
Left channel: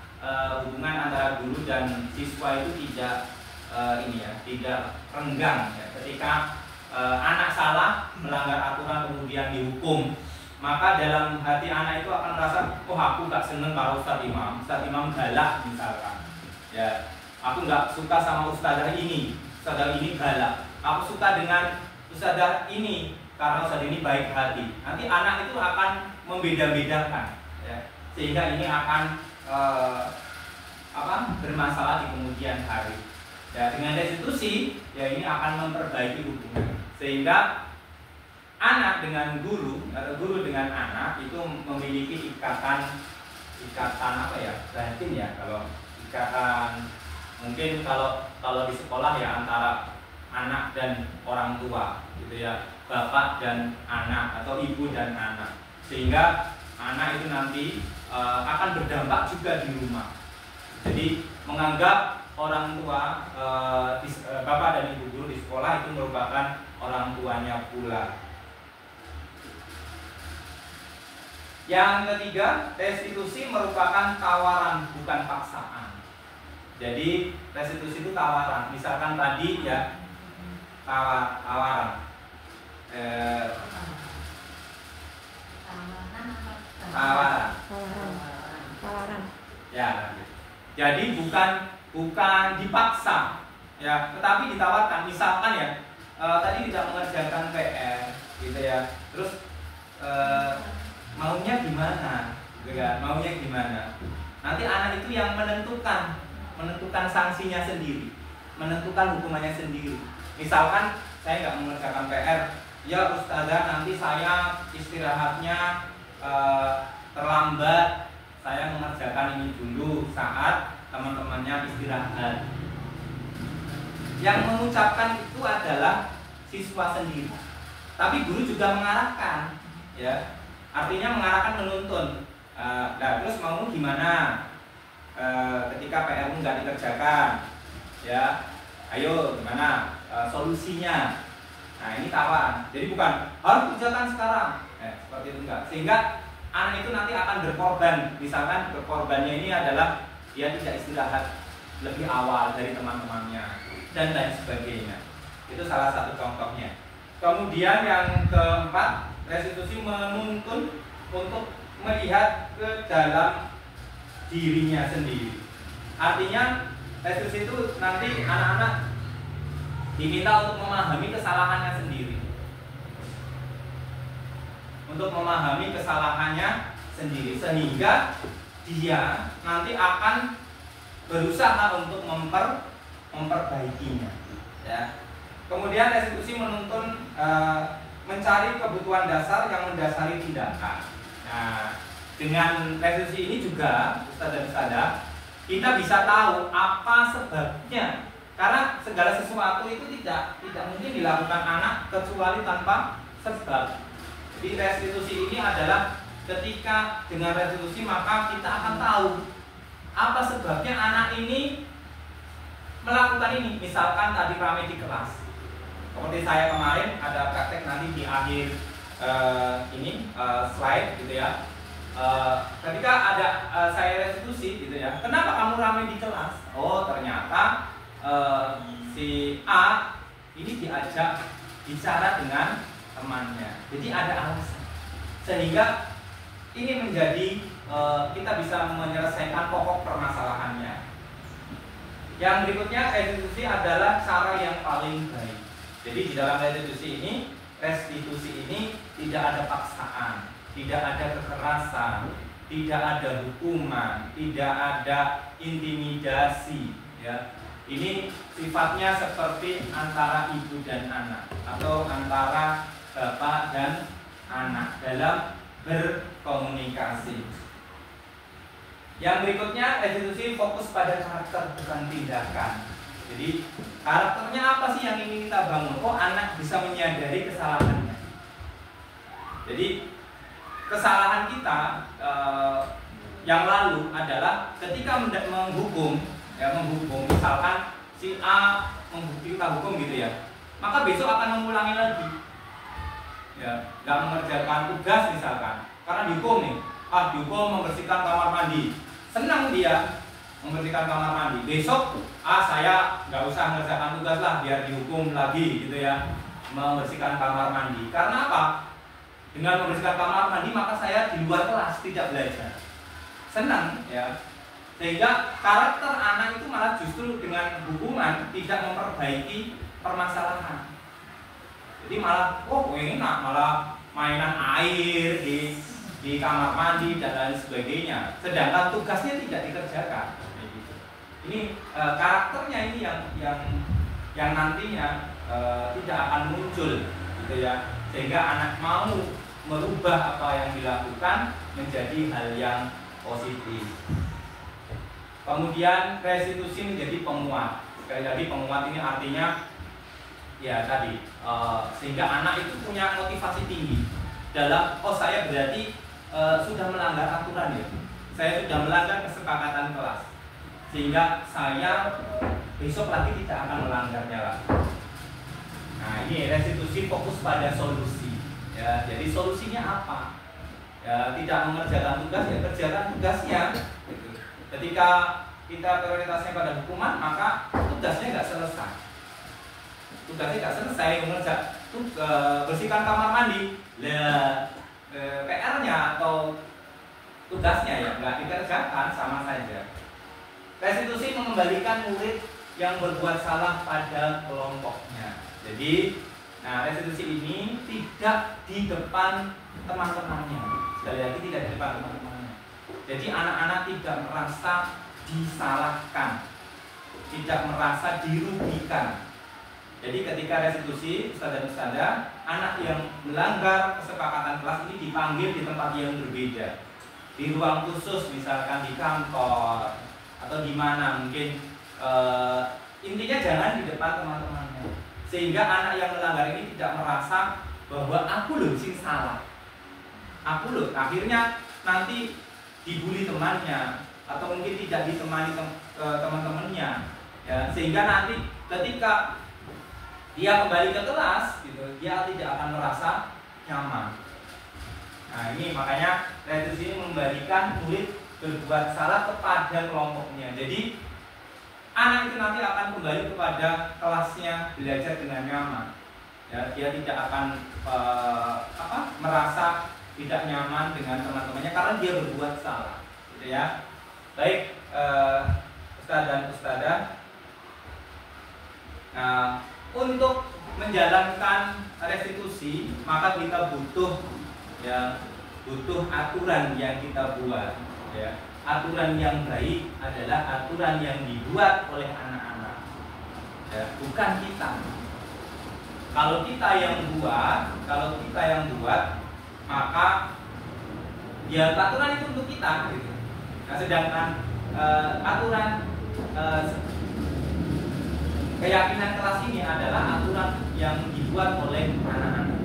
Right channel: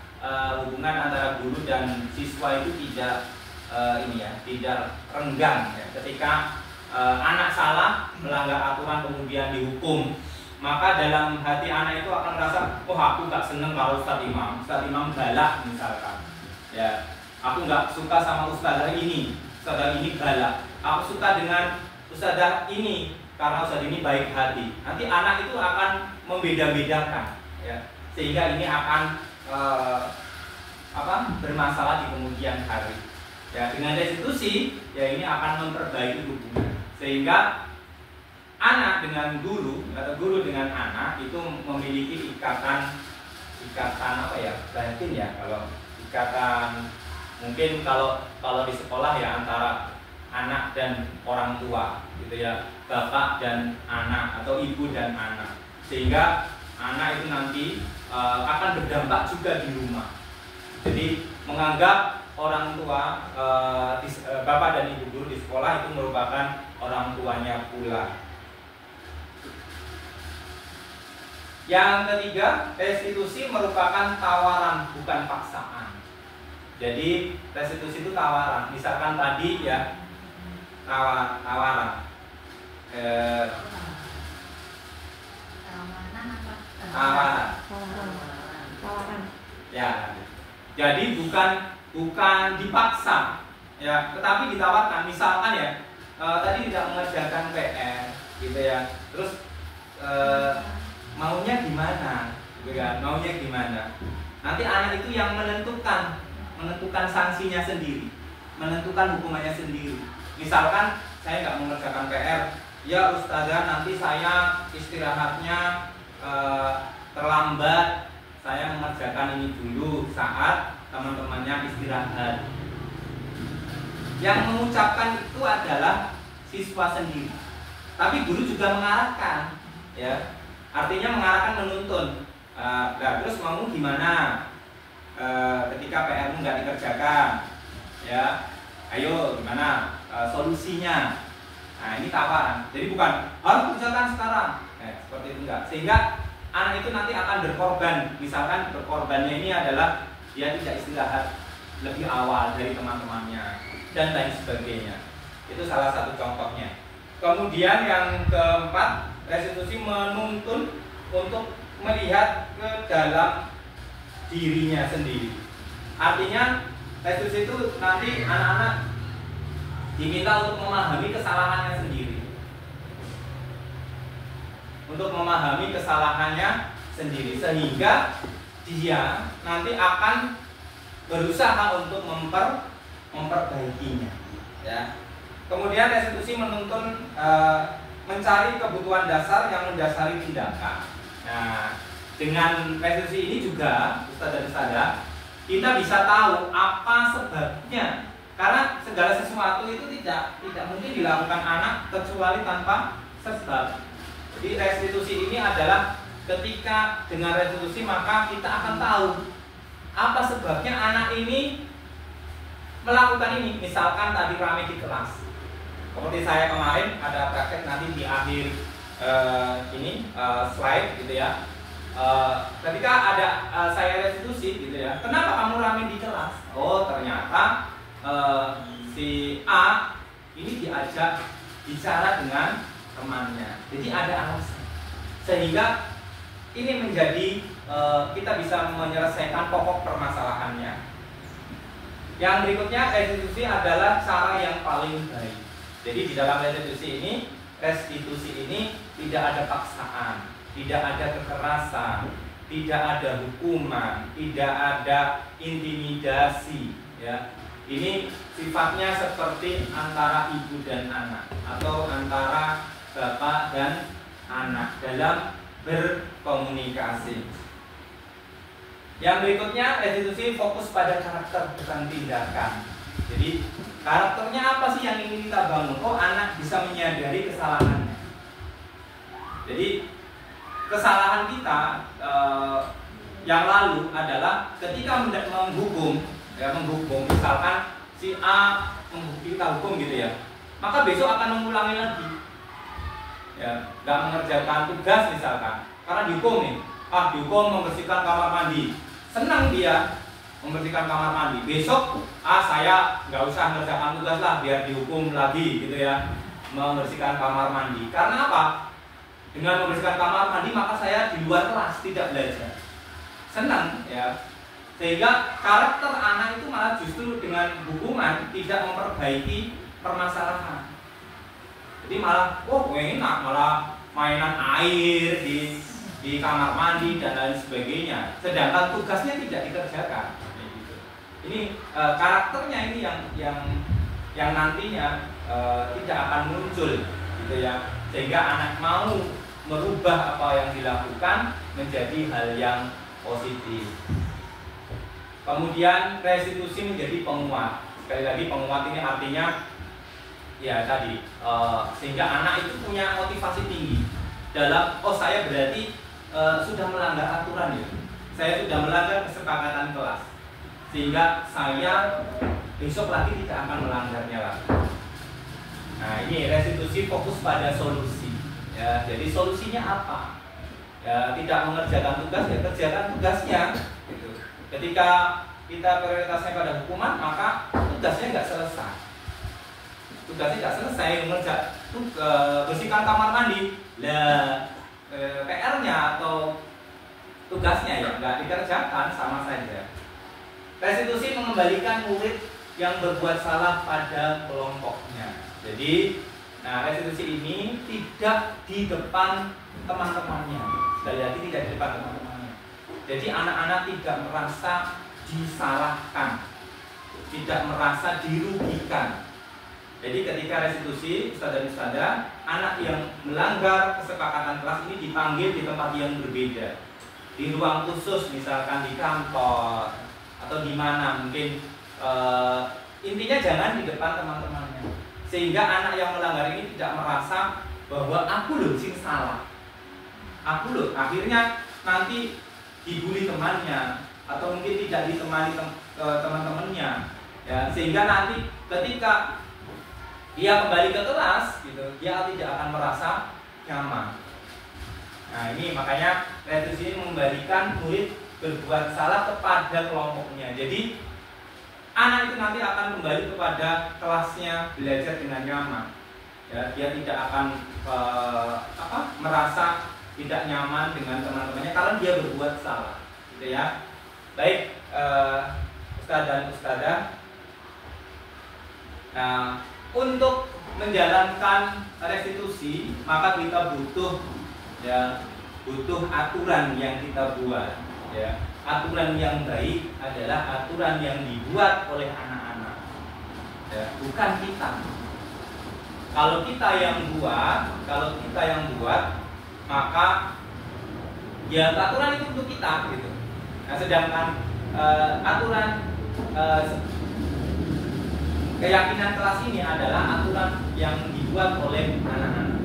hubungan antara guru dan siswa itu tidak tidak renggang, ya. Ketika anak salah, melanggar aturan kemudian dihukum, maka dalam hati anak itu akan merasa, oh aku nggak seneng kalau Ustadz Imam galak misalkan, ya aku nggak suka sama ustadzah ini galak, aku suka dengan ustadzah ini karena ustadzah ini baik hati. Nanti anak itu akan membeda-bedakan, ya, sehingga ini akan bermasalah di kemudian hari. Ya, dengan restitusi, ya ini akan memperbaiki hubungan, sehingga anak dengan guru atau guru dengan anak itu memiliki ikatan apa ya, batin ya, kalau ikatan mungkin kalau di sekolah ya antara anak dan orang tua gitu ya, bapak dan anak atau ibu dan anak, sehingga anak itu nanti akan berdampak juga di rumah. Jadi menganggap orang tua bapak dan ibu guru di sekolah itu merupakan orang tuanya pula. Yang ketiga, restitusi merupakan tawaran bukan paksaan. Jadi restitusi itu tawaran. Misalkan tadi ya tawaran. Tawaran. Ya. Jadi bukan dipaksa, ya, tetapi ditawarkan. Misalkan ya tadi tidak mengerjakan PR, gitu ya. Terus maunya gimana, gitu ya? Maunya gimana? Nanti anak itu yang menentukan sanksinya sendiri, menentukan hukumannya sendiri. Misalkan saya nggak mengerjakan PR, ya ustazah nanti saya istirahatnya terlambat, saya mengerjakan ini dulu saat teman-temannya istirahat. Yang mengucapkan itu adalah siswa sendiri, tapi guru juga mengarahkan, ya, artinya mengarahkan, menuntun. Nah, terus mau gimana ketika PR-mu nggak dikerjakan, ya, ayo gimana solusinya. Nah, ini tawaran. Jadi bukan harus kerjakan sekarang, seperti itu enggak. Sehingga anak itu nanti akan berkorban. Misalkan berkorbannya ini adalah dia tidak istirahat lebih awal dari teman-temannya dan lain sebagainya. Itu salah satu contohnya. Kemudian yang keempat, restitusi menuntun untuk melihat ke dalam dirinya sendiri. Artinya restitusi itu nanti anak-anak diminta untuk memahami kesalahannya sendiri. Untuk memahami kesalahannya sendiri, sehingga dia nanti akan berusaha untuk memperbaikinya, ya. Kemudian restitusi menuntun mencari kebutuhan dasar yang mendasari tindakan. Nah, dengan restitusi ini juga Ustaz dan Ustazah, kita bisa tahu apa sebabnya. Karena segala sesuatu itu tidak mungkin dilakukan anak kecuali tanpa sebab. Jadi restitusi ini adalah ketika dengan restitusi maka kita akan tahu apa sebabnya anak ini melakukan ini. Misalkan tadi rame di kelas, seperti saya kemarin ada praktek nanti di akhir slide gitu ya. Ketika ada saya restitusi gitu ya, kenapa kamu rame di kelas? Oh ternyata si A ini diajak bicara dengan temannya, jadi ada alasan, sehingga ini menjadi kita bisa menyelesaikan pokok permasalahannya. Yang berikutnya, restitusi adalah cara yang paling baik. Jadi di dalam restitusi ini tidak ada paksaan, tidak ada kekerasan, tidak ada hukuman, tidak ada intimidasi, ya. Ini sifatnya seperti antara ibu dan anak atau antara bapak dan anak dalam berkomunikasi. Yang berikutnya, restitusi fokus pada karakter bukan tindakan. Jadi karakternya apa sih yang ingin kita bangun? Oh, anak bisa menyadari kesalahannya. Jadi kesalahan kita yang lalu adalah ketika menghukum, misalkan si A kita hukum gitu ya, maka besok akan mengulangi lagi, ya, nggak mengerjakan tugas misalkan, karena dihukum nih, dihukum membersihkan kamar mandi, senang dia membersihkan kamar mandi, besok saya nggak usah mengerjakan tugas lah biar dihukum lagi gitu ya. membersihkan kamar mandi. Karena apa? Dengan membersihkan kamar mandi maka saya di luar kelas tidak belajar. Senang ya. Sehingga karakter anak itu malah justru dengan hukuman tidak memperbaiki permasalahan. Jadi malah enak, malah mainan air di kamar mandi dan lain sebagainya. Sedangkan tugasnya tidak dikerjakan. Ini karakternya ini yang nantinya tidak akan muncul, gitu ya. Sehingga anak mau merubah apa yang dilakukan menjadi hal yang positif. Kemudian restitusi menjadi penguat. Sekali lagi penguat ini artinya ya tadi sehingga anak itu punya motivasi tinggi dalam saya berarti sudah melanggar aturan ya. Saya sudah melanggar kesepakatan kelas. Sehingga saya besok lagi tidak akan melanggarnya lagi. Nah, ini restitusi fokus pada solusi. Ya, jadi solusinya apa? Ya, tidak mengerjakan tugas, ya kerjakan tugasnya. Gitu. Ketika kita prioritasnya pada hukuman, maka tugasnya nggak selesai. Tugasnya nggak selesai bersihkan kamar mandi. Lah, PR-nya atau tugasnya ya nggak dikerjakan, sama saja. Restitusi mengembalikan murid yang berbuat salah pada kelompoknya. Jadi, restitusi ini tidak di depan teman-temannya. Sekali lagi tidak di depan teman-temannya. Jadi anak-anak tidak merasa disalahkan, tidak merasa dirugikan. Jadi ketika restitusi, ustadzah, anak yang melanggar kesepakatan kelas ini dipanggil di tempat yang berbeda, di ruang khusus, misalkan di kantor atau di mana mungkin. Intinya jangan di depan teman-temannya, sehingga anak yang melanggar ini tidak merasa bahwa aku loh sing salah, aku loh akhirnya nanti dibully temannya atau mungkin tidak ditemani teman-temannya, ya, sehingga nanti ketika dia kembali ke kelas, gitu, dia tidak akan merasa nyaman. Nah ini makanya restitusi ini membalikan murid berbuat salah kepada kelompoknya. Jadi anak itu nanti akan kembali kepada kelasnya belajar dengan nyaman. Ya, dia tidak akan merasa tidak nyaman dengan teman-temannya karena dia berbuat salah, gitu ya. Baik, ustadz dan ustadzah. Nah, untuk menjalankan restitusi maka kita butuh aturan yang kita buat, ya. Aturan yang baik adalah aturan yang dibuat oleh anak-anak, ya, bukan kita. Kalau kita yang buat, maka ya aturan itu untuk kita, gitu. Nah, sedangkan aturan keyakinan kelas ini adalah aturan yang dibuat oleh anak-anak,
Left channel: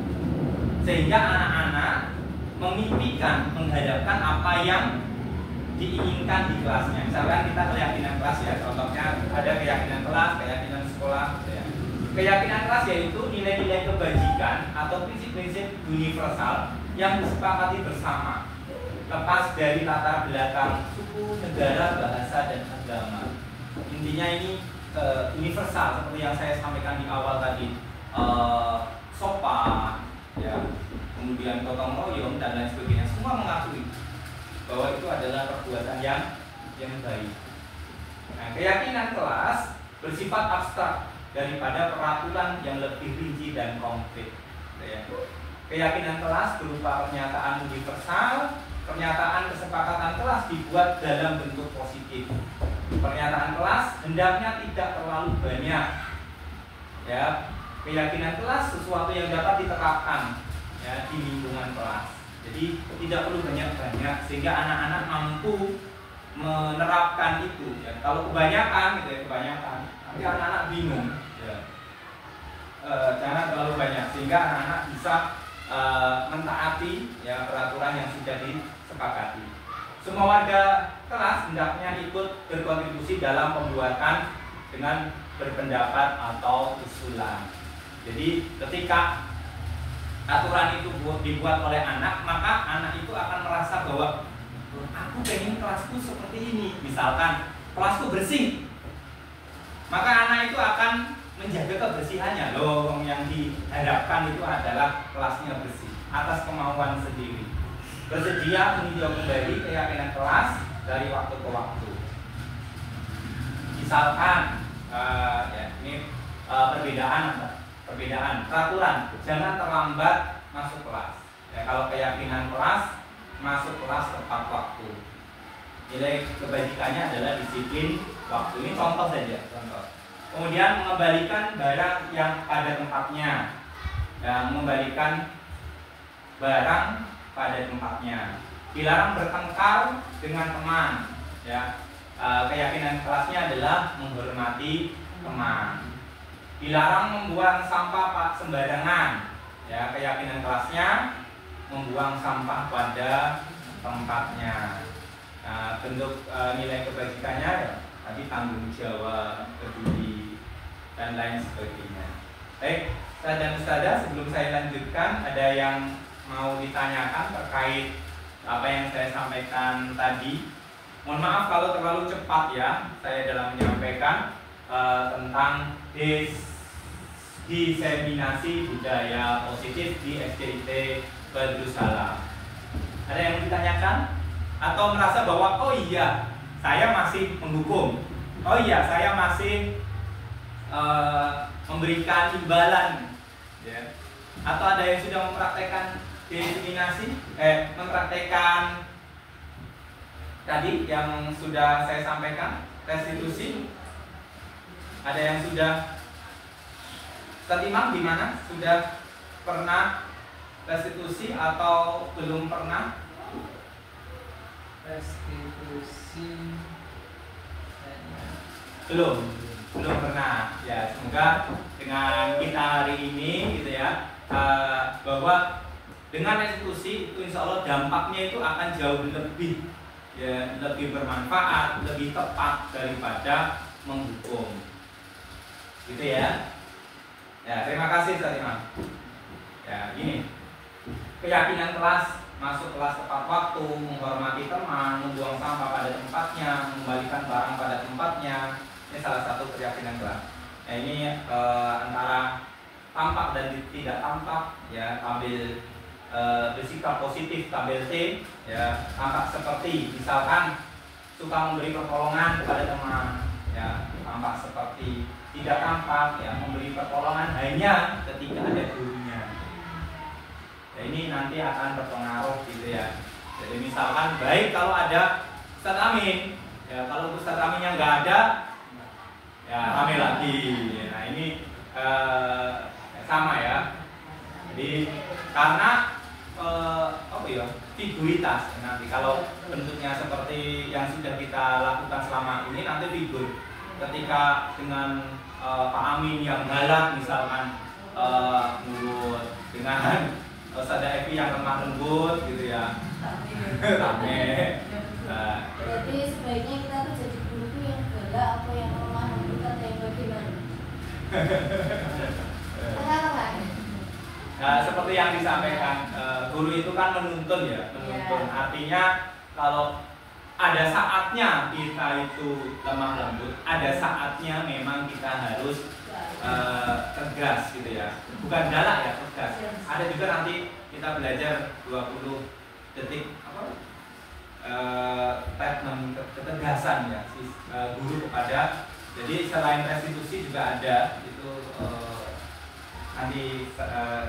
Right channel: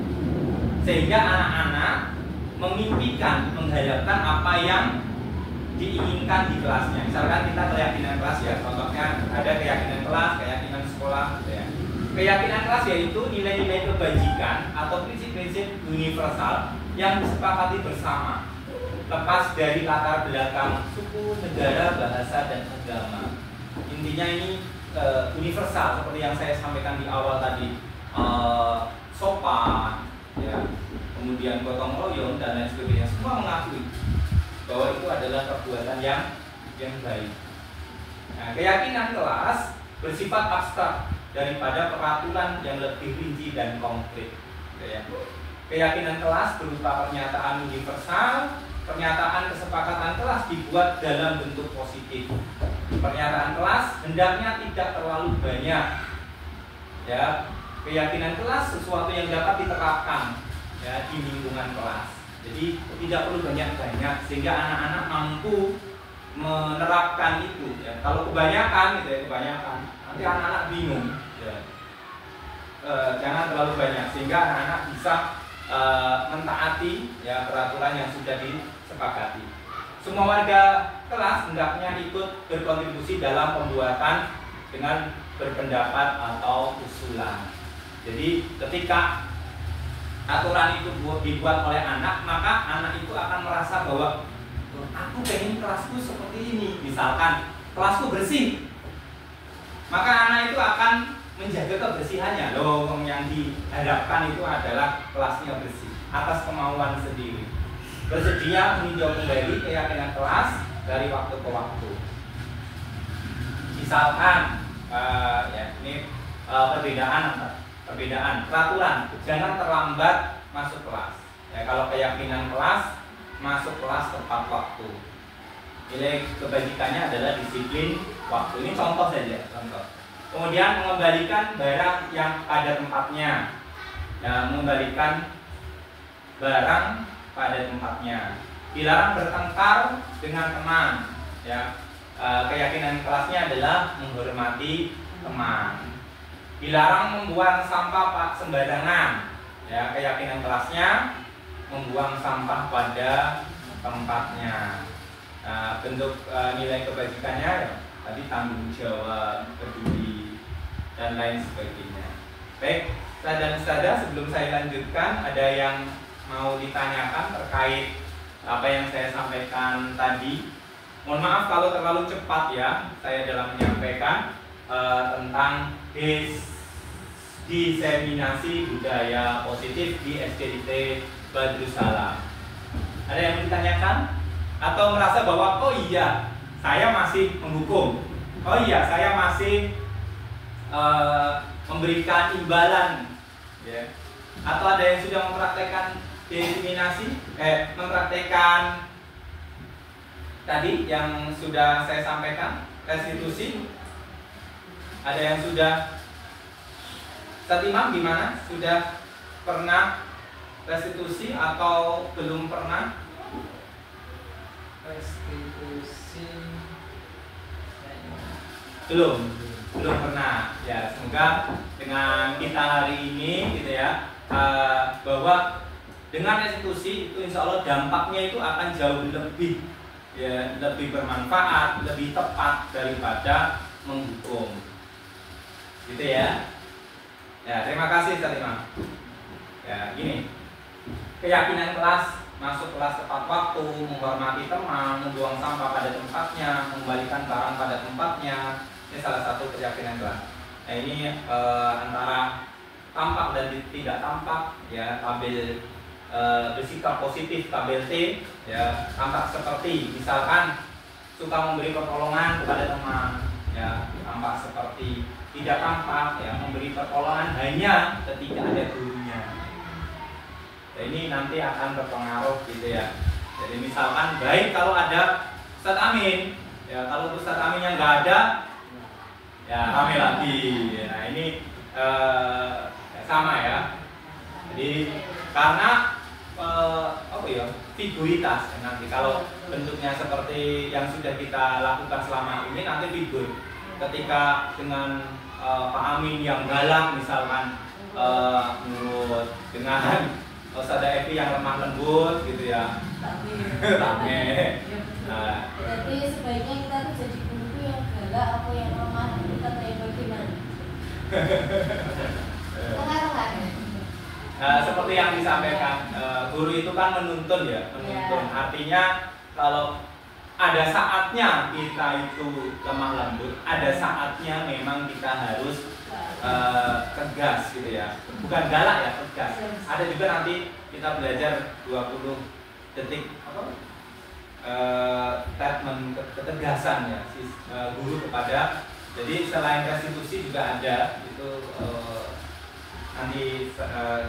sehingga anak-anak memimpikan, mengharapkan apa yang diinginkan di kelasnya. Misalkan kita keyakinan kelas, ya, contohnya ada keyakinan kelas, keyakinan sekolah, ya. Keyakinan kelas yaitu nilai-nilai kebajikan atau prinsip-prinsip universal yang disepakati bersama, lepas dari latar belakang suku, negara, bahasa, dan agama. Intinya ini universal, seperti yang saya sampaikan di awal tadi, sopan, ya, kemudian gotong royong dan lain sebagainya, semua mengakui bahwa itu adalah perbuatan yang baik. Nah, keyakinan kelas bersifat abstrak daripada peraturan yang lebih rinci dan konkret. Ya. Keyakinan kelas berupa pernyataan universal, pernyataan kesepakatan kelas dibuat dalam bentuk positif. Pernyataan kelas hendaknya tidak terlalu banyak. Ya, keyakinan kelas sesuatu yang dapat diterapkan, ya, di lingkungan kelas. Jadi tidak perlu banyak-banyak sehingga anak-anak mampu menerapkan itu. Ya. Kalau kebanyakan, gitu ya, nanti anak-anak bingung. Ya. Jangan terlalu banyak sehingga anak-anak bisa mentaati, ya, peraturan yang sudah disepakati. Semua warga kelas hendaknya ikut berkontribusi dalam pembuatan dengan berpendapat atau usulan. Jadi ketika aturan itu dibuat oleh anak, maka anak itu akan merasa bahwa aku pengen kelasku seperti ini. Misalkan kelasku bersih, maka anak itu akan menjaga kebersihannya. Loh, yang diharapkan itu adalah kelasnya bersih atas kemauan sendiri. Bersedia meninjau kembali keyakinan kelas dari waktu ke waktu. Misalkan ini perbedaan peraturan, jangan terlambat masuk kelas. Ya, kalau keyakinan kelas, masuk kelas tepat waktu. Nilai kebajikannya adalah disiplin waktu. Ini contoh saja, contoh. Kemudian mengembalikan barang yang pada tempatnya. Ya, mengembalikan barang pada tempatnya. Dilarang bertengkar dengan teman. Ya, keyakinan kelasnya adalah menghormati teman. Dilarang membuang sampah sembarangan. Ya, keyakinan kelasnya membuang sampah pada tempatnya. Nah, bentuk nilai kebajikannya ya, tadi tanggung jawab, peduli, dan lain sebagainya. Baik, Ustaz dan Ustazah, sebelum saya lanjutkan, ada yang mau ditanyakan terkait apa yang saya sampaikan tadi? Mohon maaf kalau terlalu cepat ya, saya dalam menyampaikan tentang diseminasi budaya positif di SDIT Badrus Salam. Ada yang ditanyakan? Atau merasa bahwa oh iya saya masih menghukum, oh iya saya masih memberikan imbalan, ya. Atau ada yang sudah mempraktekkan diseminasi, mempraktekkan tadi yang sudah saya sampaikan, restitusi. Ada yang sudah Imam gimana? Sudah pernah restitusi atau belum pernah? Restitusi belum pernah. Ya, semoga dengan kita hari ini gitu ya, bahwa dengan restitusi itu insya Allah dampaknya itu akan jauh lebih lebih bermanfaat, lebih tepat daripada menghukum, gitu ya. Ya, terima kasih Ustaz Imam. Ya, gini, keyakinan kelas, masuk kelas tepat waktu, menghormati teman, membuang sampah pada tempatnya, mengembalikan barang pada tempatnya. Ini salah satu keyakinan kelas. Nah, ini antara tampak dan tidak tampak, ya, tabel bersikap positif, tabel T, ya, tampak seperti misalkan suka memberi pertolongan kepada teman, ya, tampak seperti tidak tampak, ya, memberi pertolongan hanya ketika ada gurunya. Ya, ini nanti akan berpengaruh gitu ya. Jadi misalkan baik kalau ada Ustadz Amin, ya, kalau Ustadz Aminnya nggak ada, ya rame lagi. Nah ini sama ya. Jadi karena figuritas nanti kalau bentuknya seperti yang sudah kita lakukan selama ini nanti figur. Ketika dengan Pak Amin yang galak misalkan menurut dengan Ustazah Evi yang lemah lembut gitu ya. Rame. Nah, berarti sebaiknya kita tuh jadi guru tuh yang galak apa yang lemah lembut atau yang bagaimana? Seperti yang disampaikan, guru itu kan menuntun ya, menuntun. Artinya kalau ada saatnya kita itu lemah lembut, ada saatnya memang kita harus tegas gitu ya, bukan galak ya, tegas. Ada juga nanti kita belajar 20 detik statement ketegasan ya guru kepada. Jadi selain restitusi juga ada itu nanti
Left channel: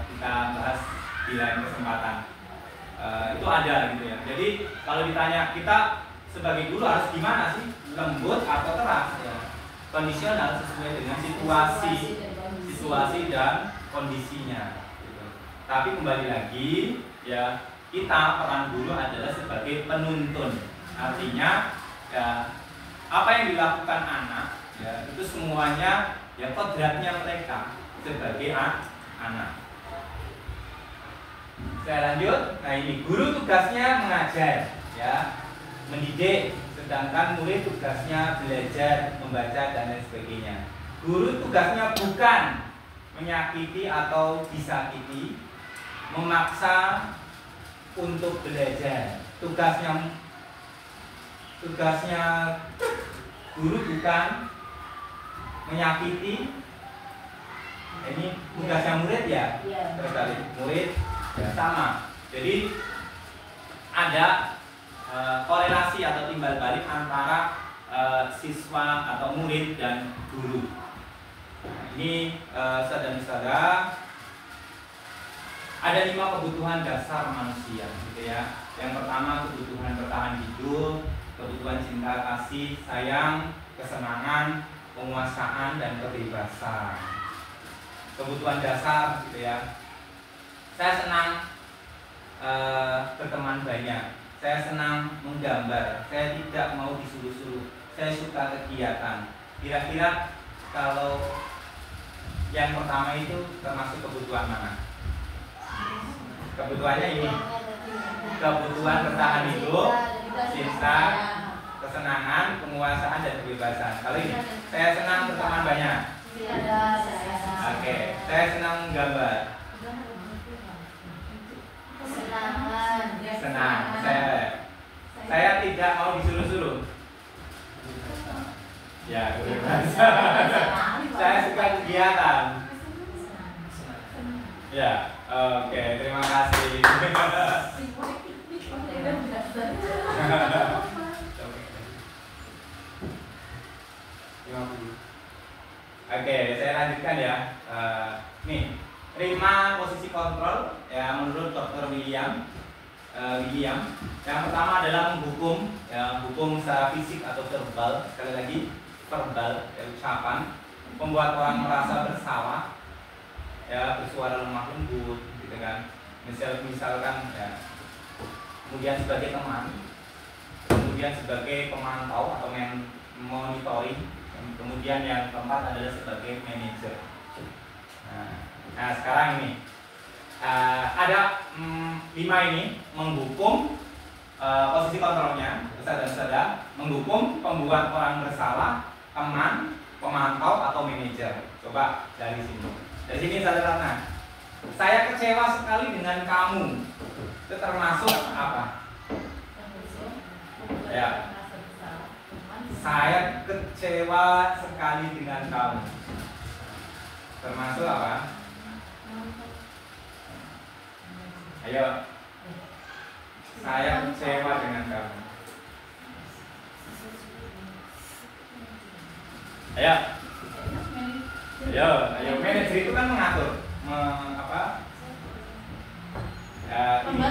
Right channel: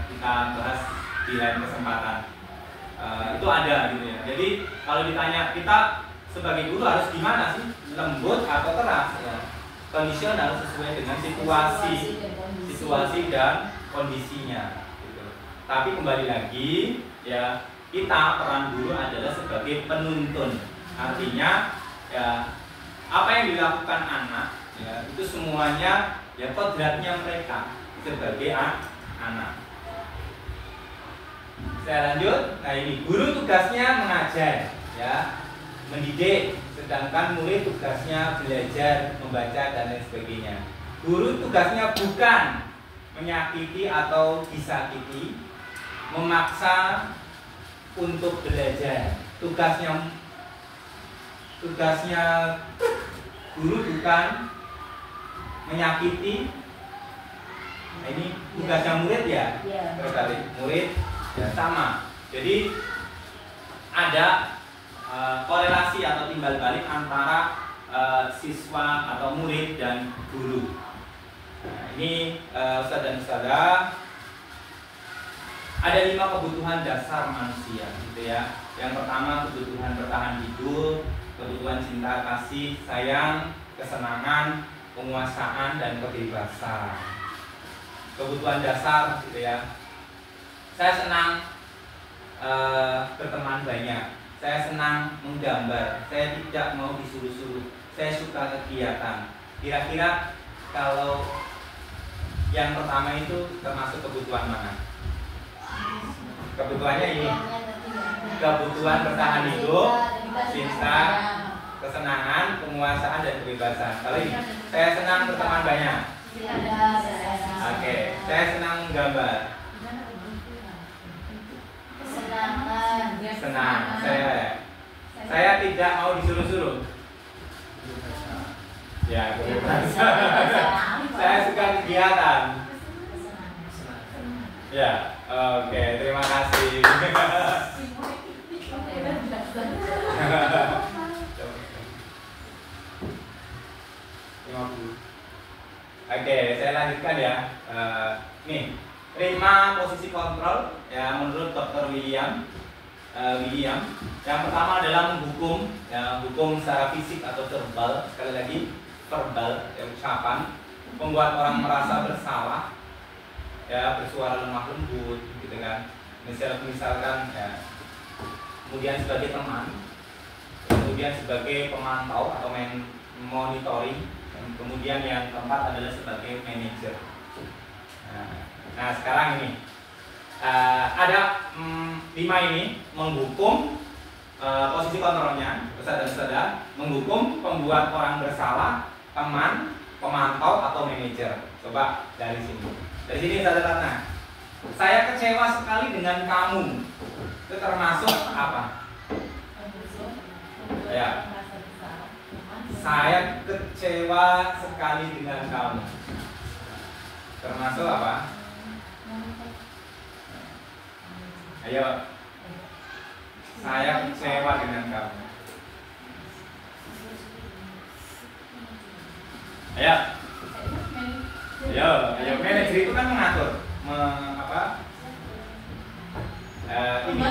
kita bahas di lain kesempatan. Itu ada gitu ya. Jadi kalau ditanya kita sebagai guru harus gimana sih, lembut atau keras ya? Kondisional sesuai dengan situasi dan kondisinya gitu. Tapi kembali lagi ya, kita peran guru adalah sebagai penuntun. Artinya ya, apa yang dilakukan anak ya itu semuanya ya kodratnya mereka sebagai anak. Saya lanjut. Nah ini guru tugasnya mengajar ya, mendidik, sedangkan murid tugasnya belajar, membaca dan lain sebagainya. Guru tugasnya bukan menyakiti atau disakiti, memaksa untuk belajar. Tugasnya guru bukan menyakiti, Nah, ini tugasnya murid ya, Iya. terbalik murid ya, sama. Jadi ada korelasi atau timbal balik antara siswa atau murid dan guru. Nah, ini saudara-saudara, ada 5 kebutuhan dasar manusia, gitu ya. Yang pertama kebutuhan bertahan hidup, kebutuhan cinta kasih, sayang, kesenangan, penguasaan dan kebebasan. Kebutuhan dasar, gitu ya. Saya senang berteman banyak. Saya senang menggambar. Saya tidak mau disuruh-suruh. Saya suka kegiatan. Kira-kira kalau yang pertama itu termasuk kebutuhan mana? Kebutuhannya ini. Kebutuhan bertahan hidup, cinta, kesenangan, penguasaan dan kebebasan. Kalau ini, saya senang berteman banyak. Oke, saya senang menggambar. Senang, saya tidak mau disuruh-suruh. Ya, kebebasan. Saya suka kegiatan. Ya, oke, terima kasih. Oke, saya lanjutkan ya. Nih, 5 posisi kontrol ya menurut Dr. William. Yang pertama adalah menghukum, ya, hukum secara fisik atau verbal. Sekali lagi, verbal, ya, ucapan, membuat orang merasa bersalah, ya, bersuara lemah lembut, gitu kan. Misalkan, ya, kemudian sebagai teman, kemudian sebagai pemantau atau monitoring, dan kemudian yang keempat adalah sebagai manajer. Nah, sekarang ini ada 5 ini menghukum, posisi kontrolnya, saudara-saudara, menghukum, pembuat orang bersalah, teman, pemantau atau manajer. Coba dari sini. Dari sini saudara, nah, saya kecewa sekali dengan kamu. Itu termasuk apa? Ya. Saya kecewa sekali dengan kamu. Termasuk apa? Ayo. Saya kecewa dengan kamu. Ayo. Ayo. Manajer itu kan mengatur, ini.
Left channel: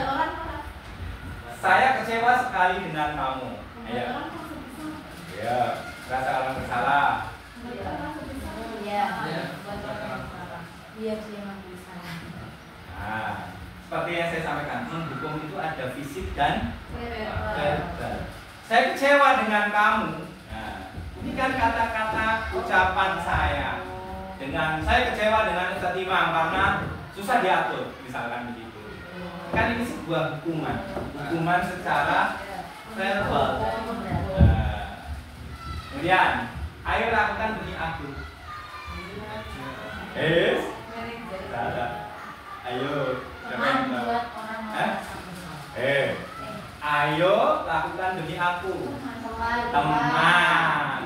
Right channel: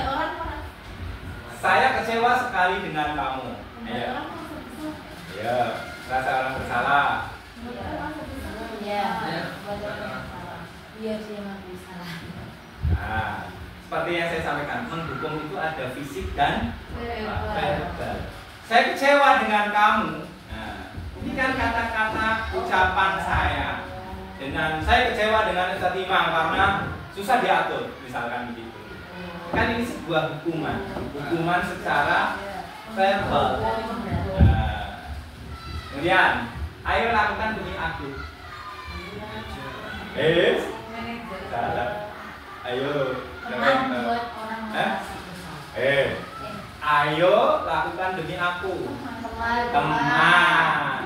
Saya kecewa sekali dengan kamu. Ayo. Ya, rasa orang bersalah. Nah, seperti yang saya sampaikan, menghukum itu ada fisik dan verbal. Saya kecewa dengan kamu. Nah, ini kan kata-kata ucapan saya. Dengan saya kecewa dengan Ustaz Imam karena susah diatur, misalkan begitu. Kan ini sebuah hukuman secara verbal. Kemudian, ayo lakukan demi aku. Ayo. Ayo lakukan demi aku. Teman.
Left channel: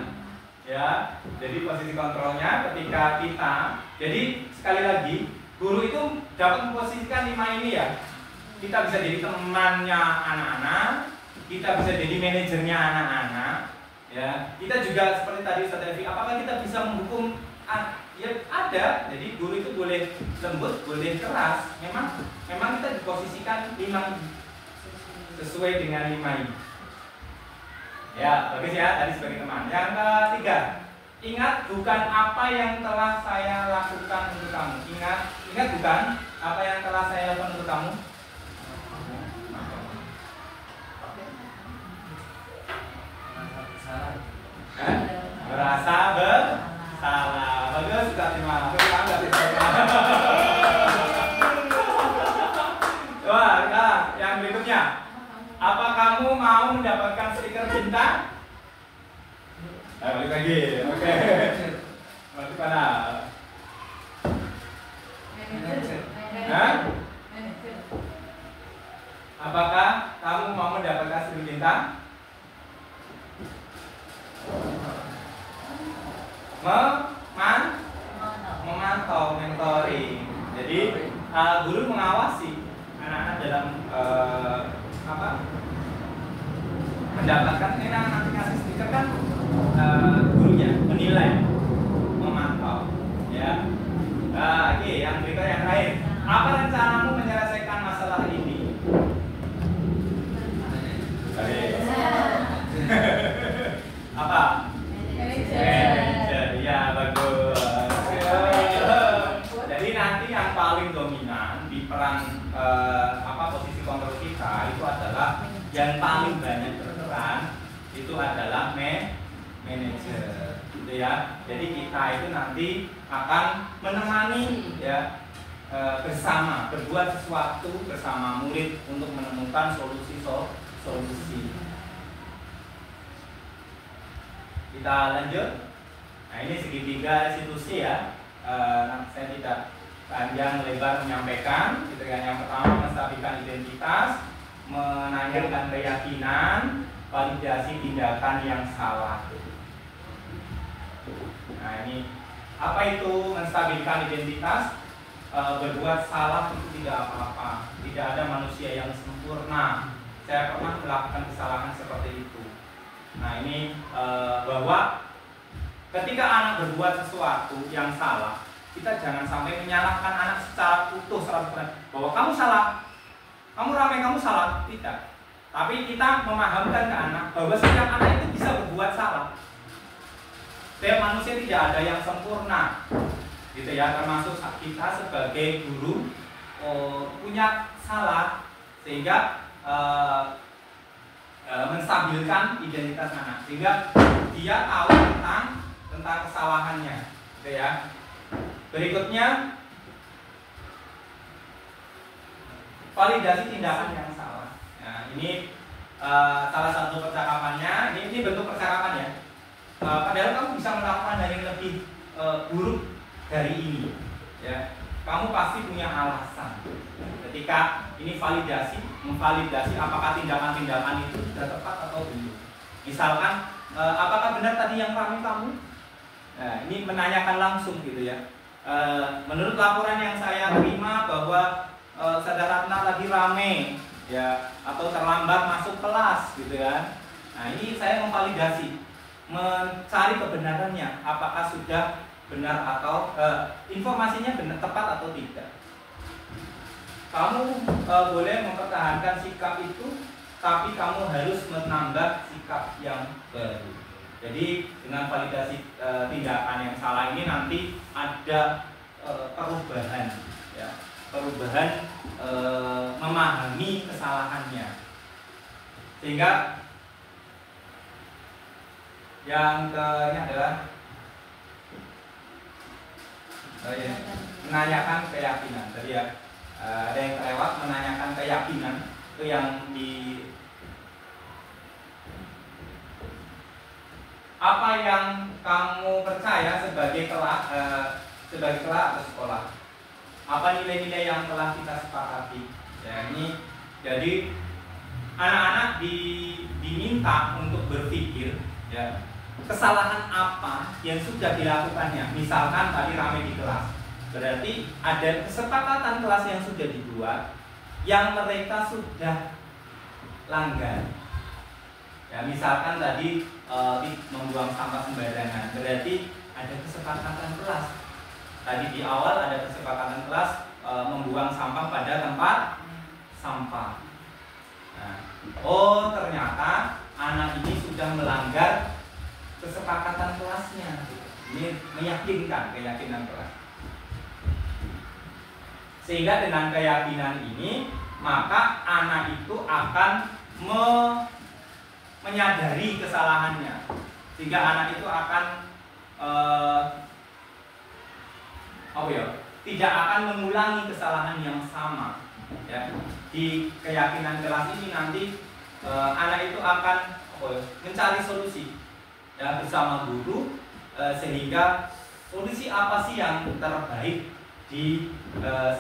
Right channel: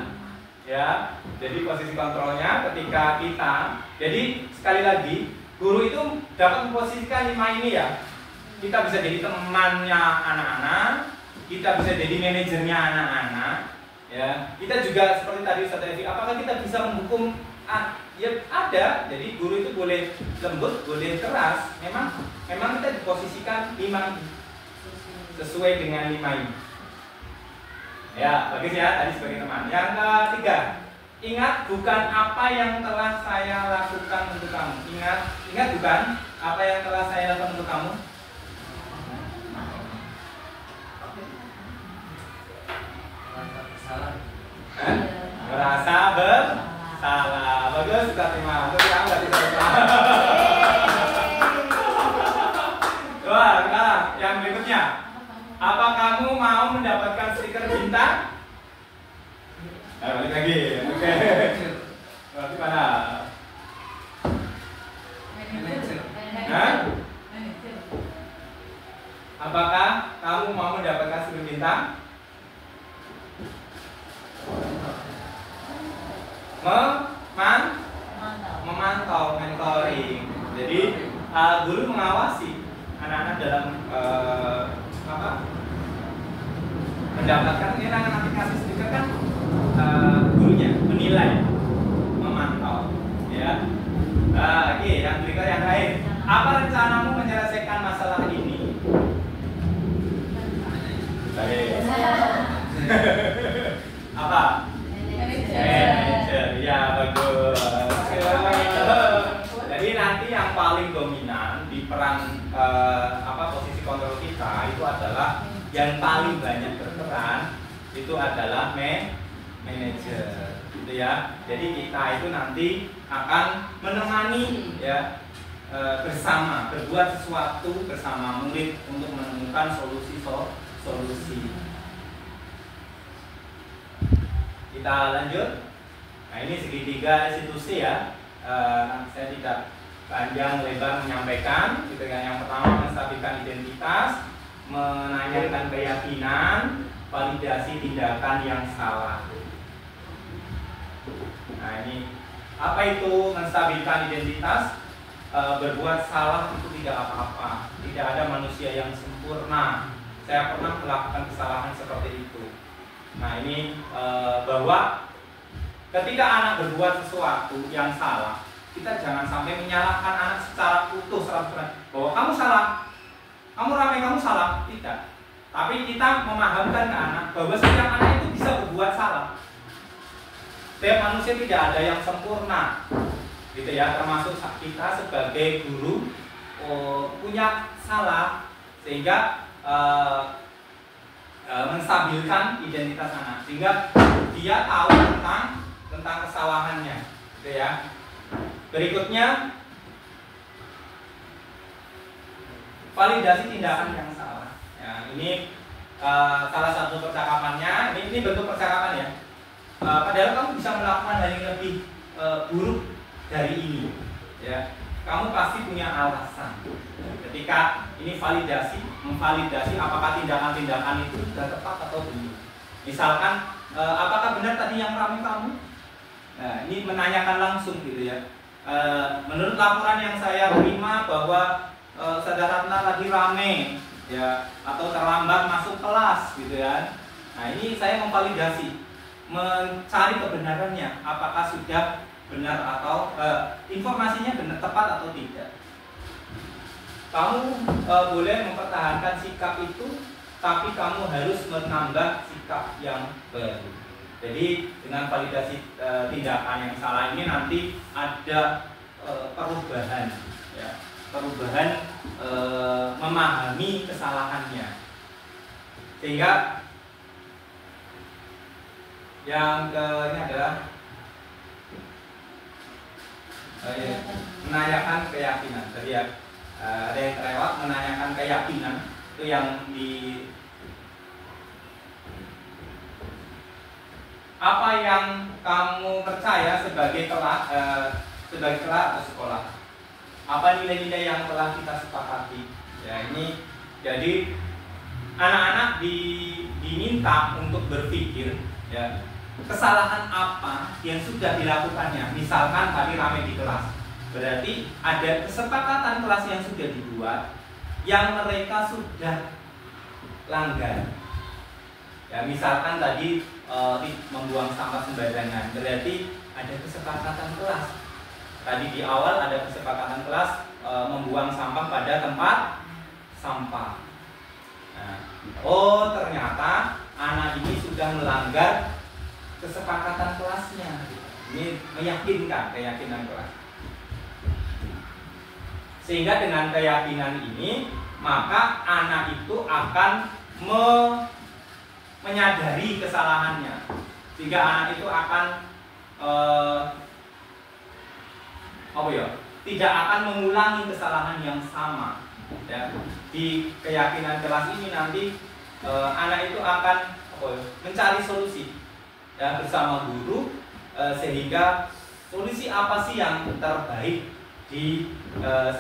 Ya. Jadi posisi kontrolnya ketika kita. Jadi sekali lagi, guru itu dapat memposisikan 5 ini ya. Kita bisa jadi temannya anak-anak, kita bisa jadi manajernya anak-anak. Ya, kita juga seperti tadi Ustaz Evi, apakah kita bisa menghukum? Ya ada. Jadi guru itu boleh lembut, boleh keras. Memang kita diposisikan 5 sesuai dengan 5 ini. Ya, bagus ya, tadi sebagai teman. Yang ketiga, ingat bukan apa yang telah saya lakukan untuk kamu. Ingat bukan apa yang telah saya lakukan untuk kamu. Merasa bersalah. Bagus, Ustaz Imam. Untuk kamu nggak bisa bersalah. Wah, sekarang yang berikutnya. Apa kamu mau mendapatkan stiker bintang? Balik lagi. Oke. Berarti mana? Apakah kamu mau mendapatkan stiker bintang? Memantau manajer. itu adalah manajer, gitu ya. Jadi kita itu nanti akan menemani ya bersama, berbuat sesuatu bersama murid untuk menemukan solusi. Kita lanjut. Nah, ini segitiga institusi ya. Saya tidak panjang lebar menyampaikan, gitu kan. Yang pertama menstabilkan identitas, menanyakan keyakinan, validasi tindakan yang salah. Nah, ini apa itu menstabilkan identitas? Berbuat salah itu tidak apa-apa. Tidak ada manusia yang sempurna. Saya pernah melakukan kesalahan seperti itu. Nah, ini bahwa ketika anak berbuat sesuatu yang salah, kita jangan sampai menyalahkan anak secara utuh 100%. Bahwa kamu salah, kamu rame, kamu salah. Tidak. Tapi kita memahamkan ke anak bahwa setiap anak itu bisa berbuat salah. Setiap manusia tidak ada yang sempurna, gitu ya. Termasuk kita sebagai guru punya salah, sehingga menstabilkan identitas anak, sehingga dia tahu tentang kesalahannya, gitu ya. Berikutnya, validasi tindakan yang salah. Nah, ini salah satu percakapannya. Ini bentuk percakapan ya. Padahal kamu bisa melakukan hal yang lebih buruk dari ini, ya. Kamu pasti punya alasan. Ketika ini memvalidasi apakah tindakan-tindakan itu sudah tepat atau belum. Misalkan, apakah benar tadi yang ramai kamu? Nah, ini menanyakan langsung, gitu ya. Menurut laporan yang saya terima bahwa Saudara Ratna lagi rame, ya, atau terlambat masuk kelas, gitu ya. Nah, ini saya memvalidasi, mencari kebenarannya, apakah sudah benar atau informasinya benar, tepat atau tidak. Kamu boleh mempertahankan sikap itu, tapi kamu harus menambah sikap yang baru. Jadi dengan validasi tindakan yang salah ini nanti ada perubahan, ya, perubahan memahami kesalahannya, sehingga yang ini adalah menanyakan keyakinan. Tadi ya, ada yang terlewat, menanyakan keyakinan itu yang di apa yang kamu percaya sebagai kelas atau sekolah. Apa nilai-nilai yang telah kita sepakati? Ya, ini jadi anak-anak diminta untuk berpikir, ya, kesalahan apa yang sudah dilakukannya. Misalkan tadi ramai di kelas, berarti ada kesepakatan kelas yang sudah dibuat yang mereka sudah langgar. Ya, misalkan tadi membuang sampah sembarangan, berarti ada kesepakatan kelas. Tadi di awal ada kesepakatan kelas membuang sampah pada tempat sampah. Nah, oh ternyata anak ini sudah melanggar kesepakatan kelasnya. Ini meyakinkan, keyakinan kelas. Sehingga dengan keyakinan ini, maka anak itu akan menyadari kesalahannya, sehingga anak itu akan tidak akan mengulangi kesalahan yang sama. Ya, di keyakinan kelas ini nanti anak itu akan mencari solusi, ya, bersama guru, sehingga solusi apa sih yang terbaik di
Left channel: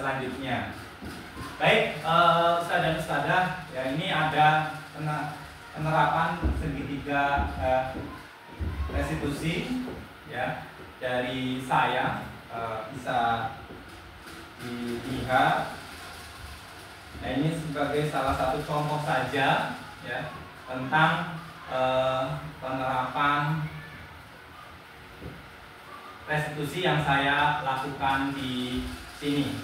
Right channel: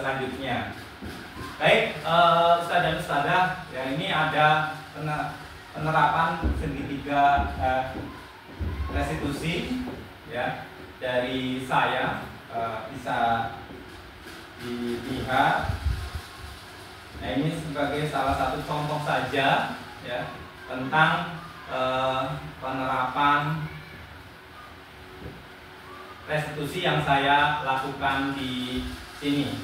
selanjutnya. Baik, Ustaz dan Ustazah, ya, ini ada penerapan segitiga restitusi, ya, dari saya, bisa dilihat. Nah, ini sebagai salah satu contoh saja, ya, tentang penerapan restitusi yang saya lakukan di sini.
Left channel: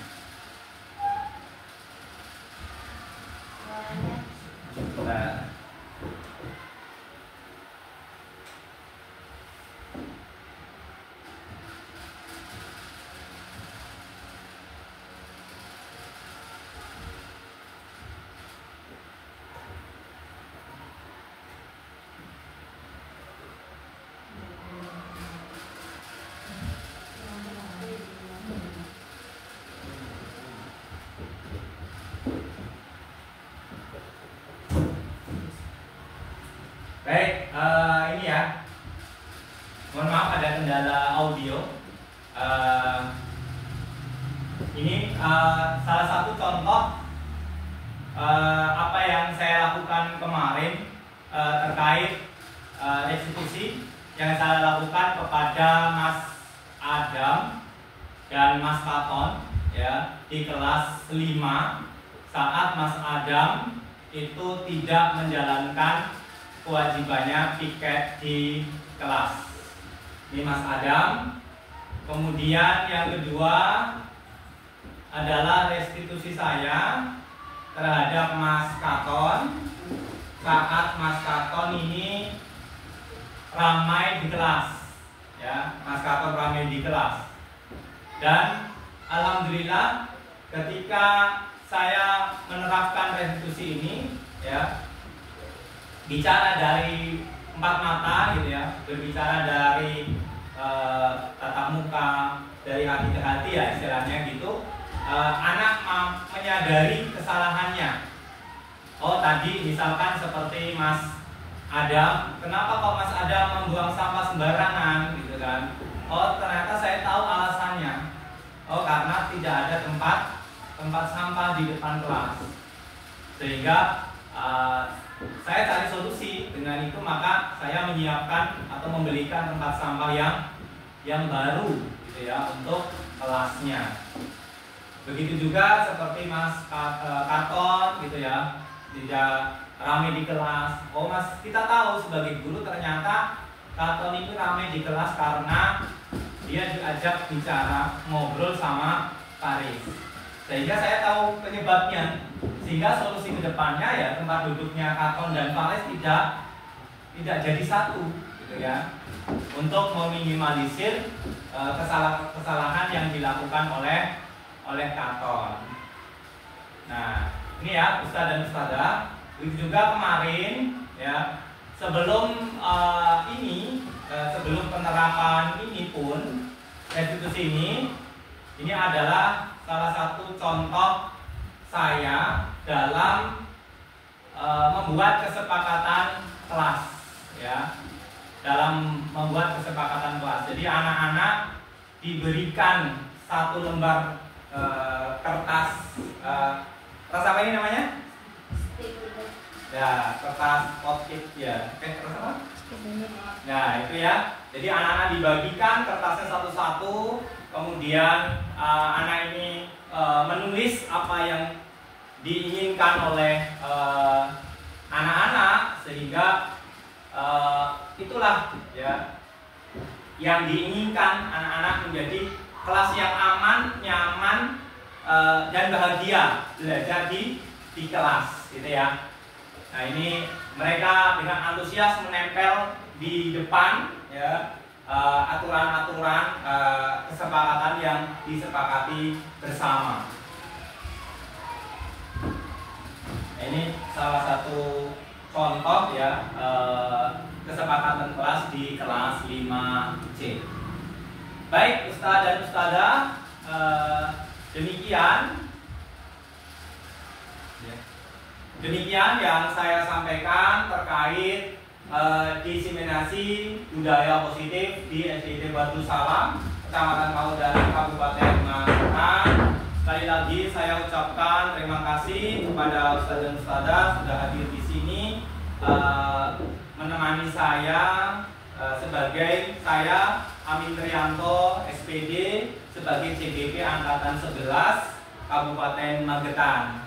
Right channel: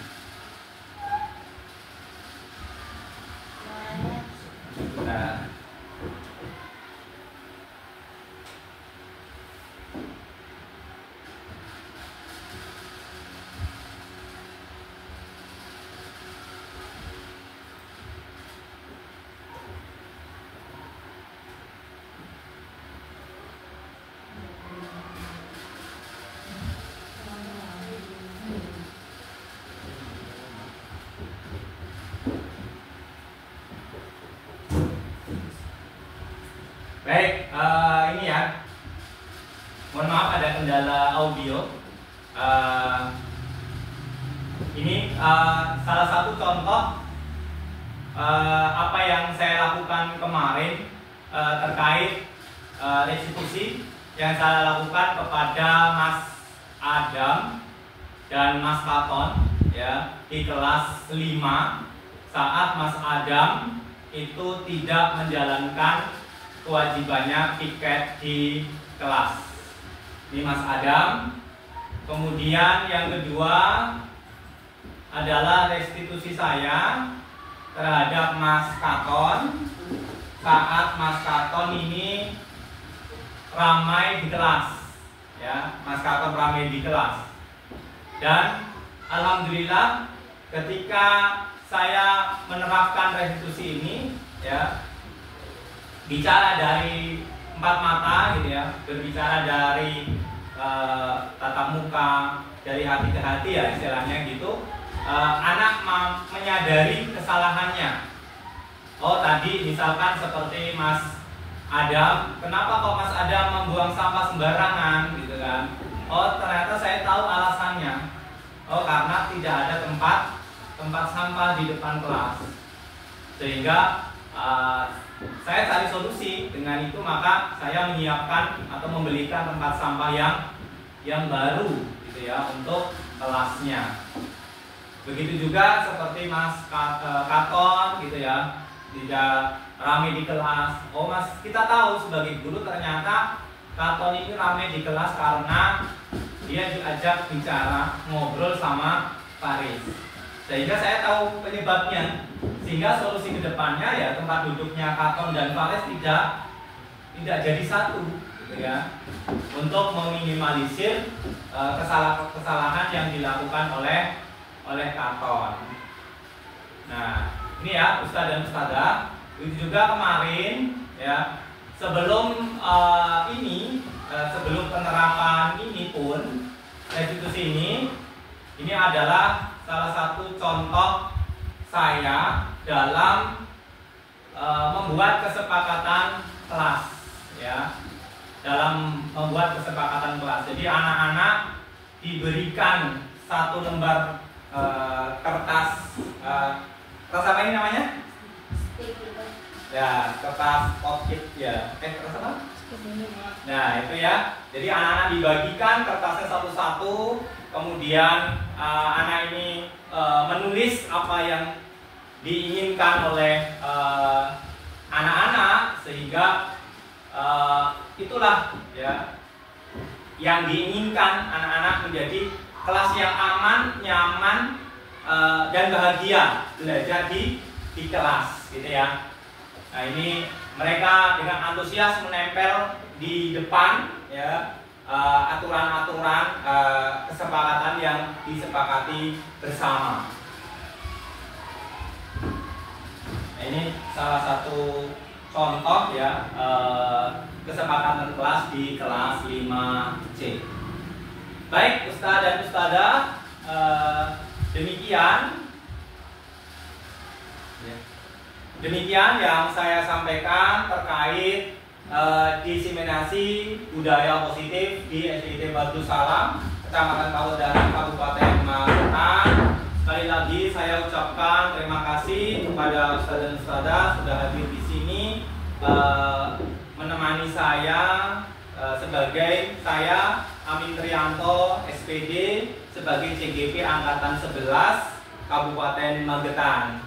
Nah, Mohon maaf ada kendala audio. Ini salah satu contoh apa yang saya lakukan kemarin terkait restitusi yang saya lakukan kepada Mas Adam dan Mas Katon ya di kelas 5 saat Mas Adam itu tidak menjalankan kewajibannya piket di kelas. Ini Mas Adam. Kemudian yang kedua adalah restitusi saya terhadap Mas Katon saat Mas Katon ini ramai di kelas ya, Mas Katon ramai di kelas. Dan alhamdulillah ketika saya menerapkan restitusi ini ya, bicara dari empat mata gitu ya, berbicara dari tatap muka, dari hati ke hati ya istilahnya gitu. Anak menyadari kesalahannya. Oh tadi misalkan seperti Mas Adam, kenapa kok Mas Adam membuang sampah sembarangan gitu kan? Oh ternyata saya tahu alasannya. Oh karena tidak ada tempat sampah di depan kelas, sehingga saya cari solusi. Dengan itu maka saya menyiapkan atau membelikan tempat sampah yang baru gitu ya untuk kelasnya. Begitu juga seperti Mas Katon gitu ya, tidak ramai di kelas. Oh Mas, kita tahu sebagai guru ternyata Katon ini ramai di kelas karena dia diajak bicara, ngobrol sama Faris. Sehingga saya tahu penyebabnya. Sehingga solusi kedepannya ya tempat duduknya Katon dan Faris tidak jadi satu gitu ya. Untuk meminimalisir kesalahan yang dilakukan oleh Katon. Nah, ini ya Ustadz dan Ustadzah. Itu juga kemarin ya, sebelum sebelum penerapan ini pun restitusi ini adalah salah satu contoh saya dalam membuat kesepakatan kelas ya, dalam membuat kesepakatan kelas. Jadi anak-anak diberikan satu lembar kertas apa ini namanya? Ya, kertas post-it ya. Kertas apa? Nah, itu ya. Jadi anak-anak dibagikan kertasnya satu-satu. Kemudian anak ini menulis apa yang diinginkan oleh anak-anak, sehingga itulah ya yang diinginkan anak-anak menjadi kelas yang aman, nyaman, dan bahagia belajar di kelas gitu ya. Nah ini mereka dengan antusias menempel di depan ya aturan-aturan kesepakatan yang disepakati bersama. Nah, ini salah satu contoh ya kesepakatan kelas di kelas 5C. Baik Ustadz dan Ustadzah, demikian yang saya sampaikan terkait diseminasi budaya positif di SDIT Batu Salam, Kecamatan Pawudaran, Kabupaten Magetan. Sekali lagi saya ucapkan terima kasih kepada Ustadz dan Ustadzah sudah hadir di sini menemani saya sebagai saya Amin Trianto SPD sebagai CGP Angkatan 11 Kabupaten Magetan.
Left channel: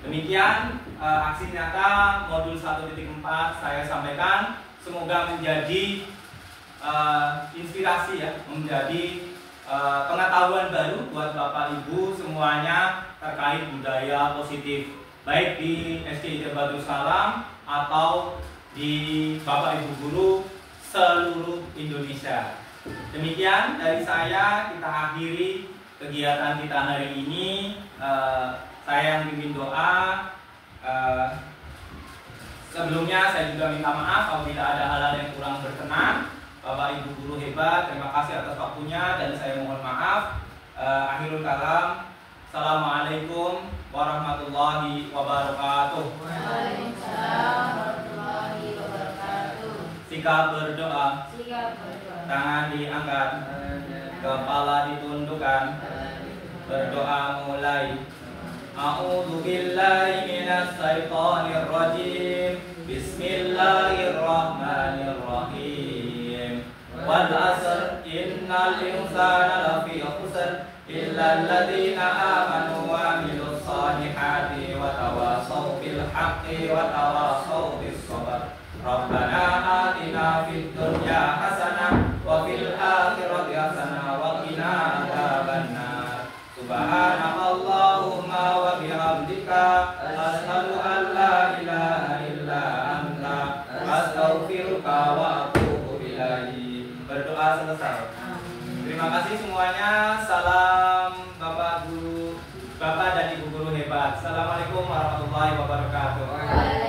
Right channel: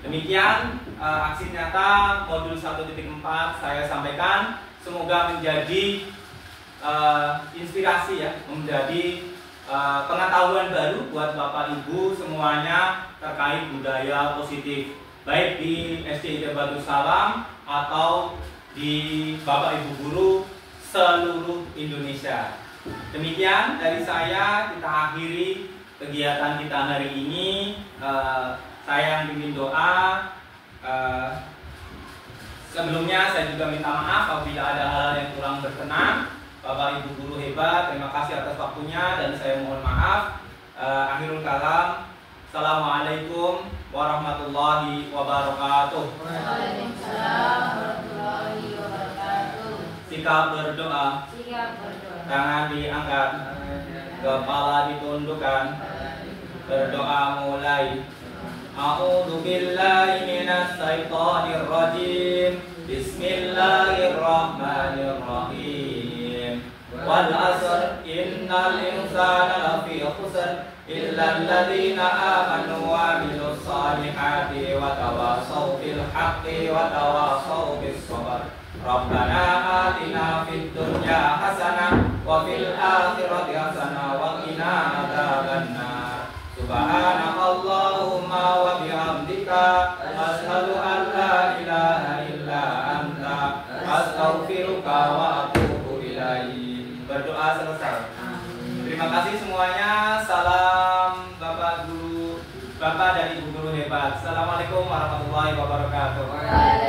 Demikian aksi nyata modul 1.4 saya sampaikan. Semoga menjadi inspirasi ya, menjadi pengetahuan baru buat Bapak Ibu semuanya terkait budaya positif, baik di SDIT Batu Salam atau di Bapak Ibu guru seluruh Indonesia. Demikian dari saya, kita akhiri kegiatan kita hari ini. Saya yang pimpin doa. Sebelumnya saya juga minta maaf apabila ada hal-hal yang kurang berkenan. Bapak Ibu guru hebat, terima kasih atas waktunya dan saya mohon maaf. Akhirul kalam. Assalamualaikum warahmatullahi wabarakatuh. Waalaikumsalam warahmatullahi wabarakatuh. Sikap berdoa. Tangan diangkat, kepala ditundukkan. Berdoa mulai. A'udzu billahi minas syaitonir rajim. Bismillahirrahmanirrahim. Wal 'asr innal insana lafi khusr illa alladziina aamanu wa 'amilus shalihati wa tawashaw bil haqqi wa tawashaw bis sabr. Rabbana atina fid dunya hasanah wa fil akhirati hasanah wa qina adzabannar. Subhanakallahumma wa bihamdika asyhadu an la ilaha illa anta astaghfiruka wa atubu ilaik. Berdoa selesai. Terima kasih semuanya. Salam Bapak Guru, Bapak dan Ibu guru hebat. Assalamualaikum warahmatullahi wabarakatuh.